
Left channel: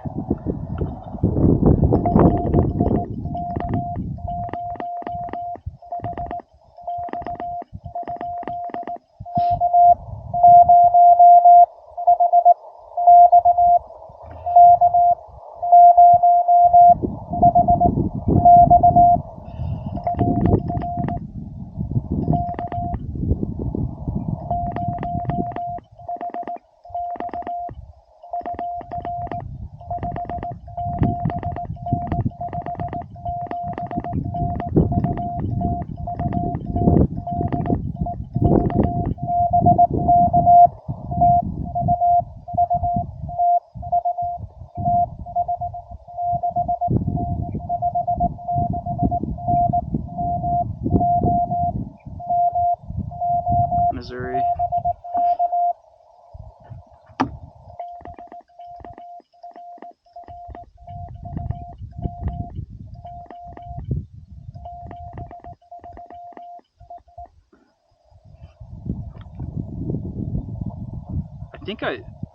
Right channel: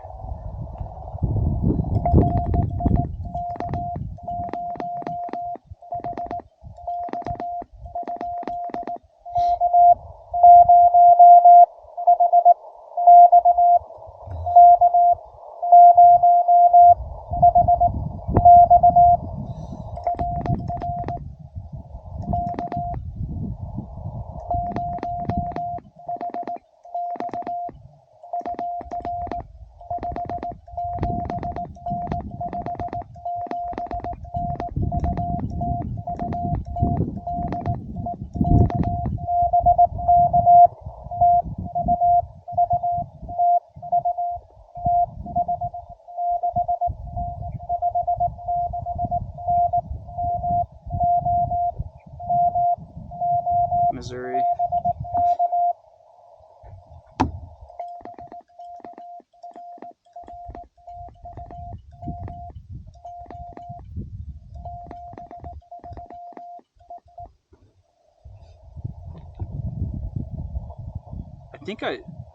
think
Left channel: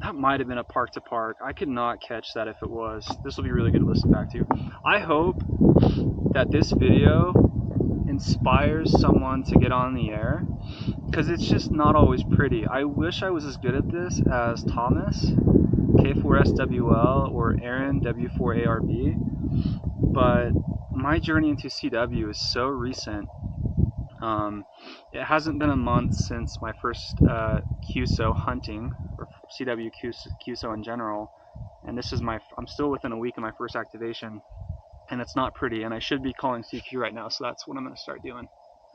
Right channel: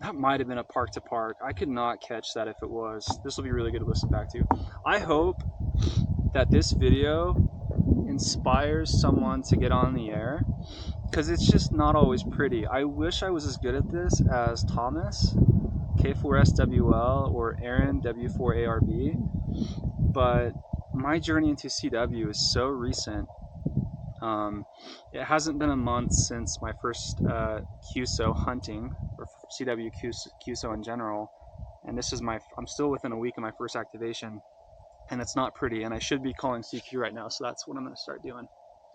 that might have been a park to park. I could not catch that if it was. This will be really good to listen back to. I hope that this video inspires someone to get on the air, because it's just not always pretty. I wish I was as good at this as Thomas, K4SWL, or Aaron, W4ARB, but my journey into CW is so recent. It hasn't been a month since my first QSO hunting, or CW QSO in general, and this is I'm still within a week of my first activation, and it's not pretty, and I should be calling CQ right now, so that's what I'm going to start doing.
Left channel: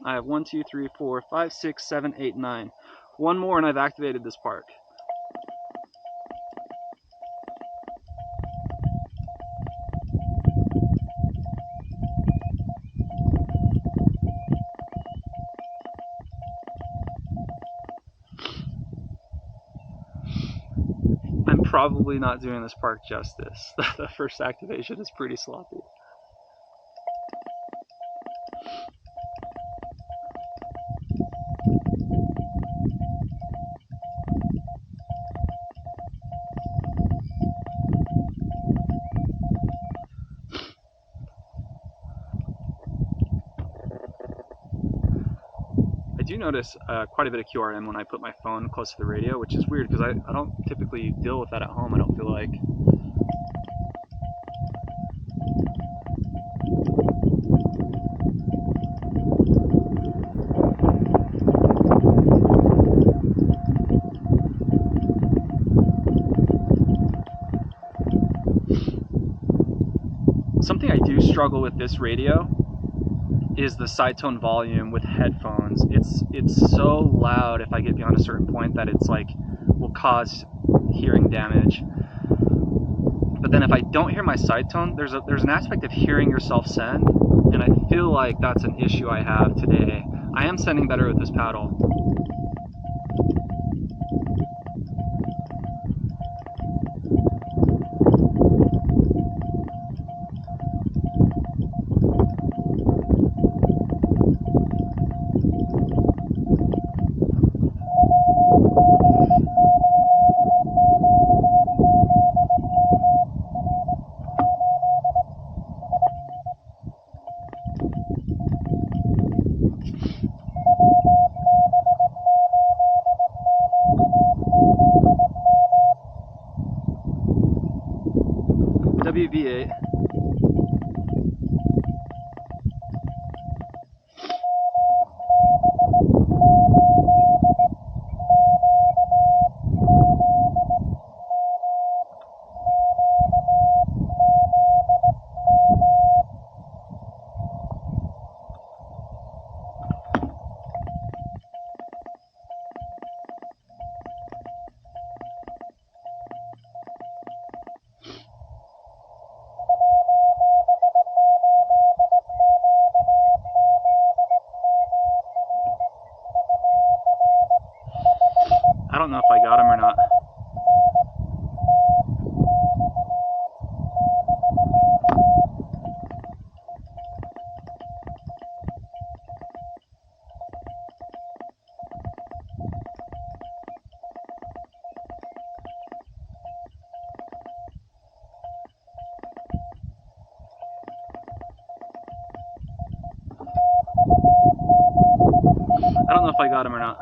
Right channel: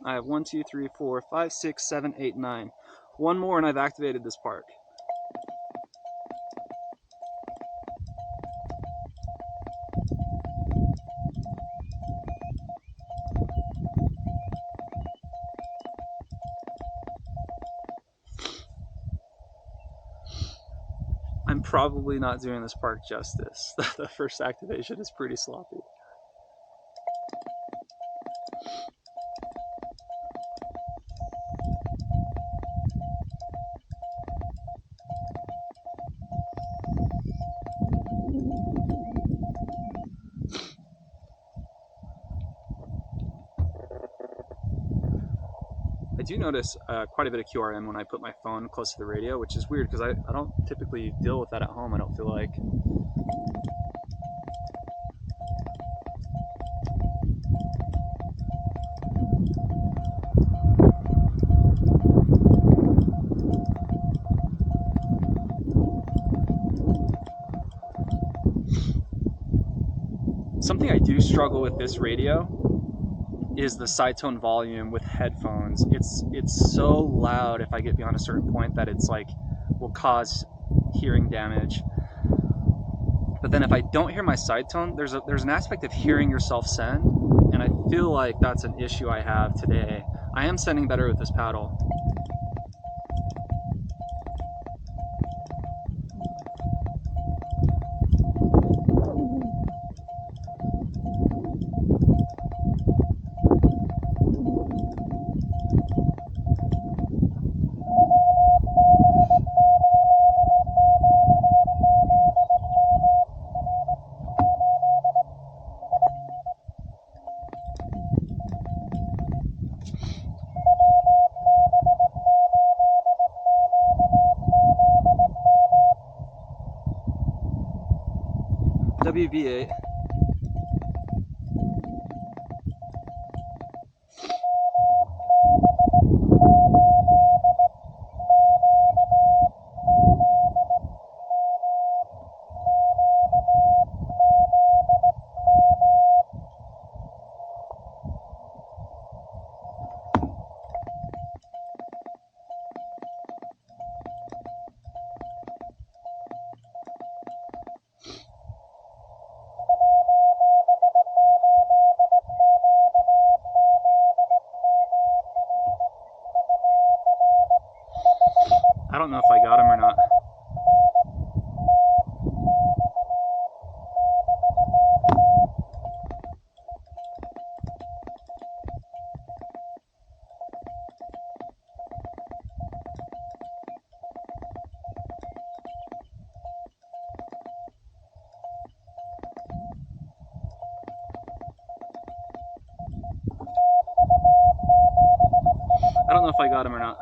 I have 1, 2, 3, 4, 5, 6, 7, 8, 9. One more and I've activated this park. I'm probably not doing this park justice. The first activation is pretty sloppy. I do notice quite a bit of QRM when I put my phone close to the radio, which is weird because I don't typically deal with that at home, I don't feel like. Something I do struggle with this radio is the side tone volume with headphones. It's so loud if I get beyond a certain point that it's like will cause hearing damage. But then if I don't hear my side tone, there's an aspect of hearing yourself send, and I feel like that's an issue I have today. I am sending better with this paddle. WB8. I don't know if I got him or not. I don't know if I got him or not.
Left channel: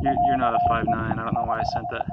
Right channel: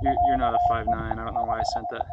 You're not a 5'9". I don't know why I sent that.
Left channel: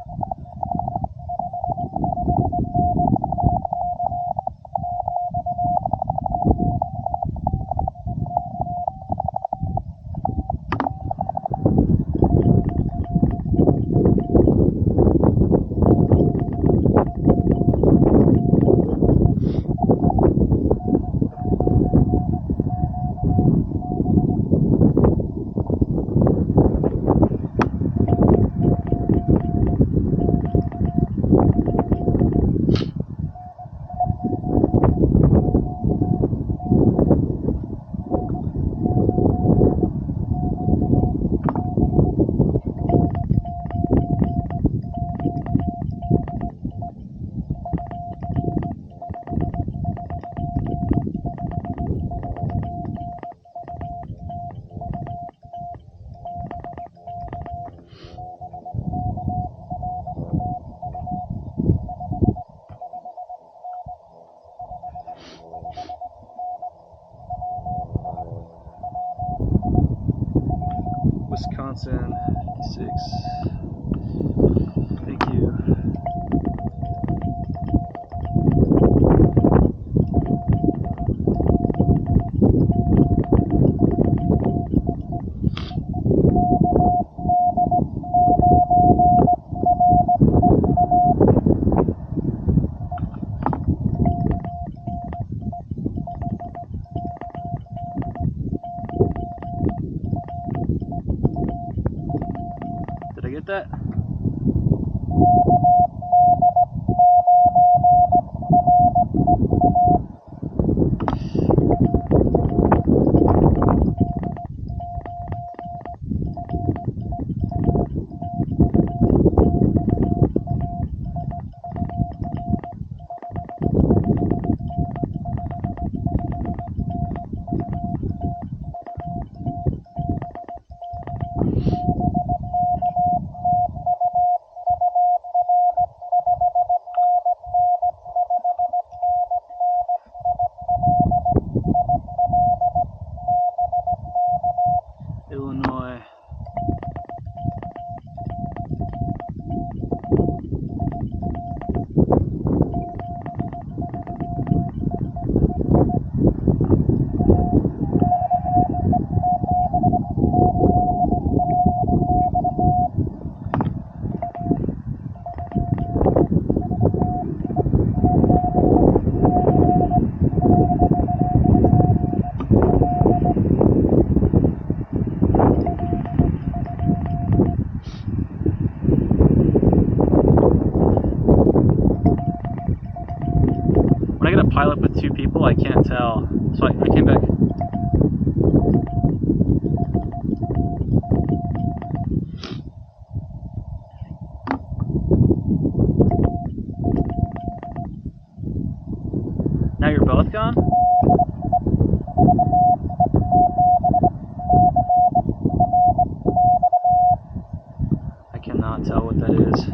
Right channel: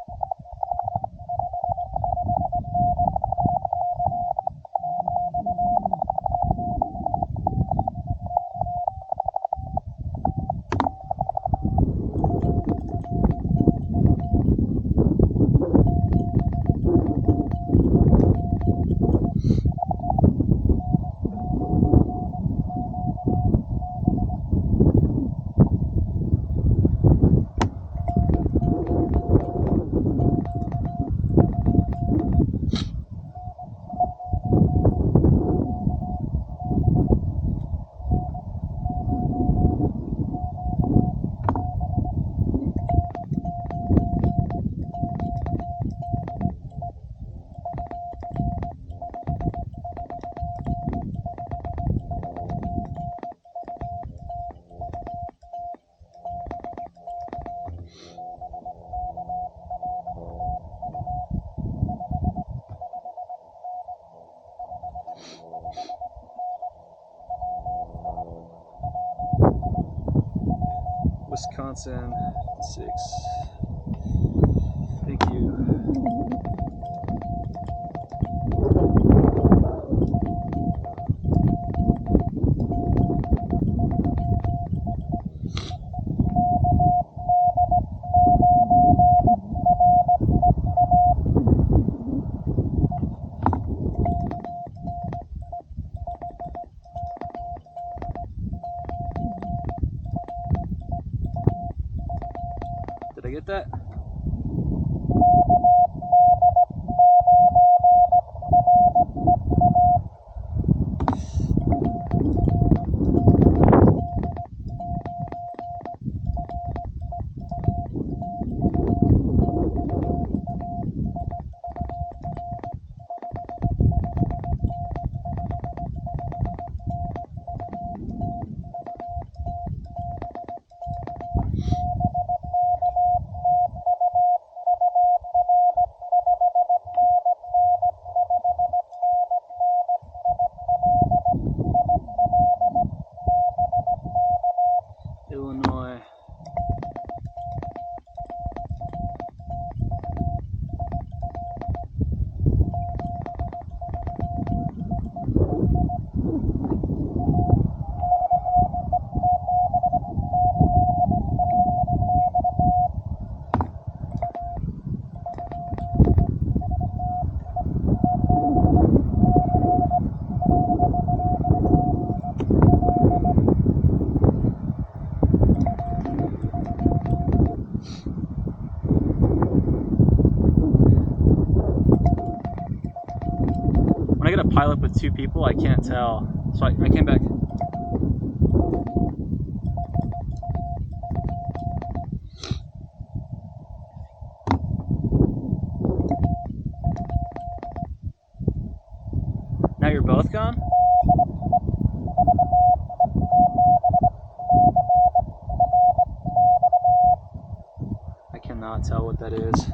Wisconsin 56. Thank you. Did I get that? Illinois. When I get a pilot with two people, I can't tell. So I came back. Now you're both gone? I cannot tell what that is.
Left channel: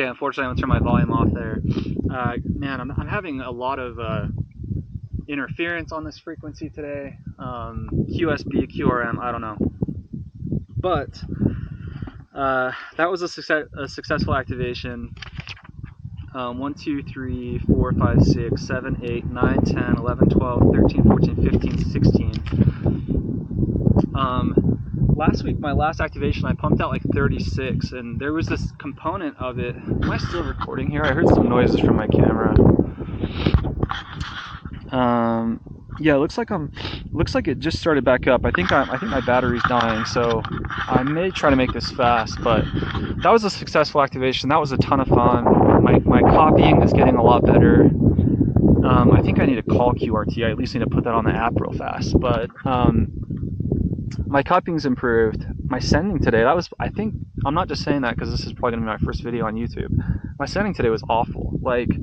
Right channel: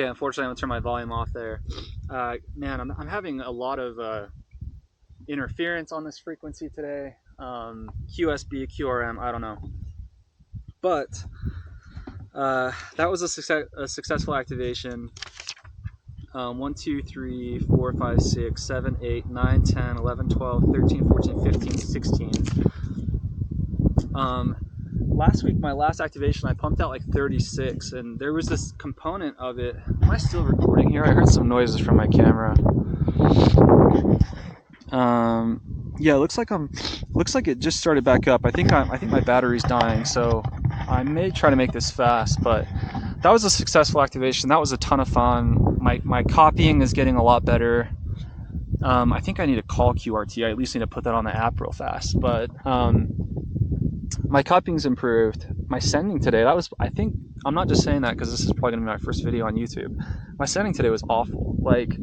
Okay, unfortunately, I'm gonna turn my volume off there. Man, I'm having a lot of interference on this frequency today. QSB, QRM, I don't know. But that was a successful activation. 1, 2, 3, 4, 5, 6, 7, 8, 9, 10, 11, 12, 13, 14, 15, 16. Last week, my last activation, I pumped out like 36, and there was this component of it. Am I still recording here? I heard some noises from my camera. Yeah, looks like it just started back up. I think my battery's dying, so I may try to make this fast. But that was a successful activation. That was a ton of fun. My copying is getting a lot better. I think I need to call QRT. I at least need to put that on the app real fast. But my copying's improved. My sending today, I'm not just saying that because this is probably gonna be my first video on YouTube. My sending today was awful. Like,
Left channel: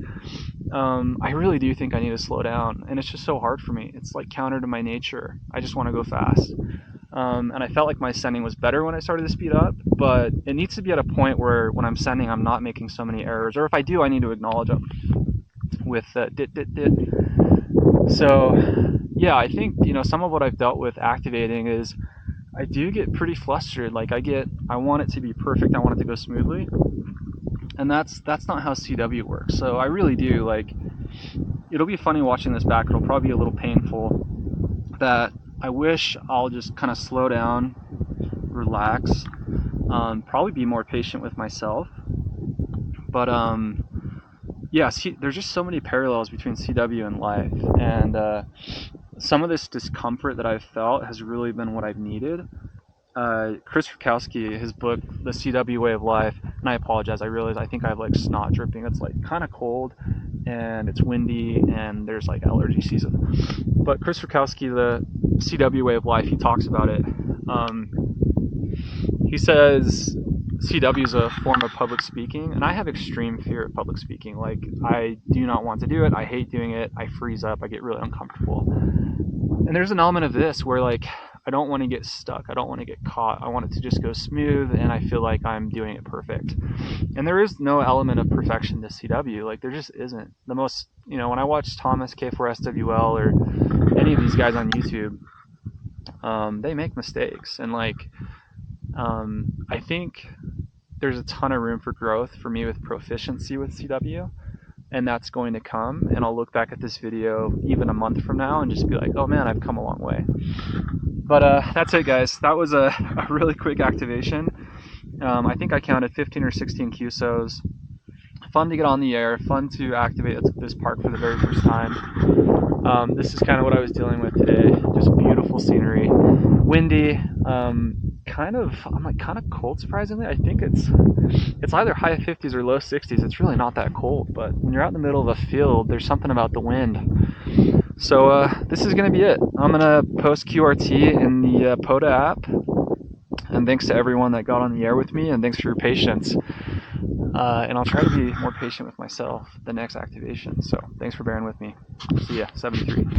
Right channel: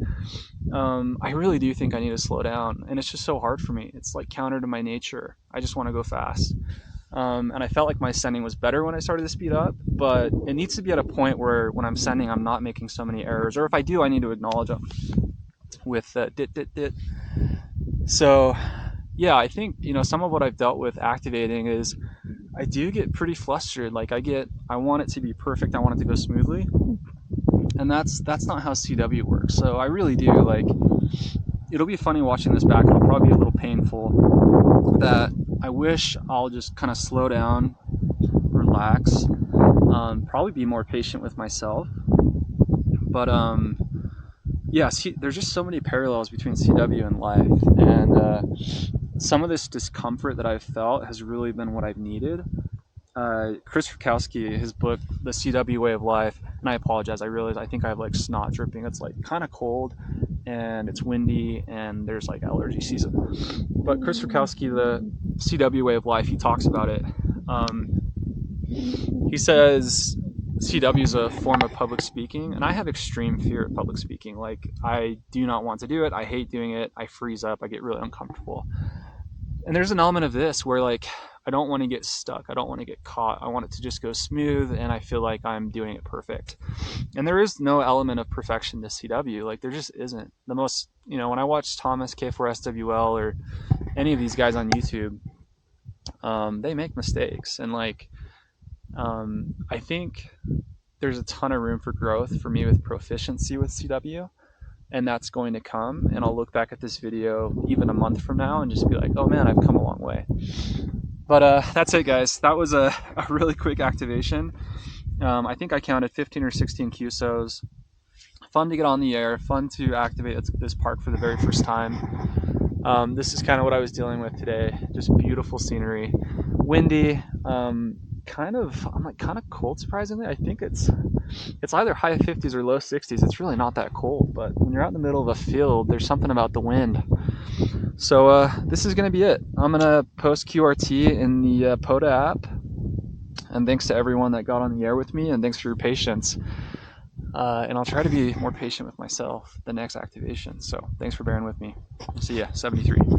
I really do think I need to slow down, and it's just so hard for me. It's like counter to my nature. I just want to go fast. And I felt like my sending was better when I started to speed up, but it needs to be at a point where when I'm sending, I'm not making so many errors, or if I do, I need to acknowledge them with dit. So yeah, I think, some of what I've dealt with activating is I do get pretty flustered. Like I want it to be perfect. I want it to go smoothly. And that's not how CW works. So I really do, like, it'll be funny watching this back. It'll probably be a little painful. That I wish I'll just kind of slow down, relax, probably be more patient with myself. But yeah, there's just so many parallels between CW and life, and some of this discomfort that I've felt has really been what I've needed. Chris Rukowski, his book, The CW Way of Life, and I apologize, I realize I think I have like snot dripping. It's like kind of cold and it's windy and there's like allergy season. But Chris Rukowski, The CW Way of Life, he talks about it. He says CW is a form of public speaking, and I have extreme fear of public speaking. Like, I do not want to do it. I hate doing it. I freeze up. I get really uncomfortable. And there's an element of this where, like, I don't want to get stuck. I don't want to get caught. I want it to just go smooth, and I feel like I'm doing it perfect. And there is no element of perfection to CW. Like, there just isn't. The most, when I watch Thomas K4SWL or any of these guys on YouTube, they make mistakes. And, like, I think there's a ton of room for growth for me with proficiency with CW. And that's going to come, and I'll look back at this video even a month from now and just be like, oh man, I've come a long way. But that's it, guys. That was a really quick activation. I think I counted 15 or 16 QSOs. Fun to get on the air, fun to activate this park for the very first time. This is kind of what I was dealing with today. Just beautiful scenery, windy, kind of cold, surprisingly. I think it's either high 50s or low 60s. It's really not that cold, but when you're out in the middle of a field, there's something about the wind. So this is going to be it. I'm going to post QRT in the Pota app. And thanks to everyone that got on the air with me, and thanks for your patience. And I'll try to be more patient with myself the next activation. So thanks for bearing with me. See ya, 73.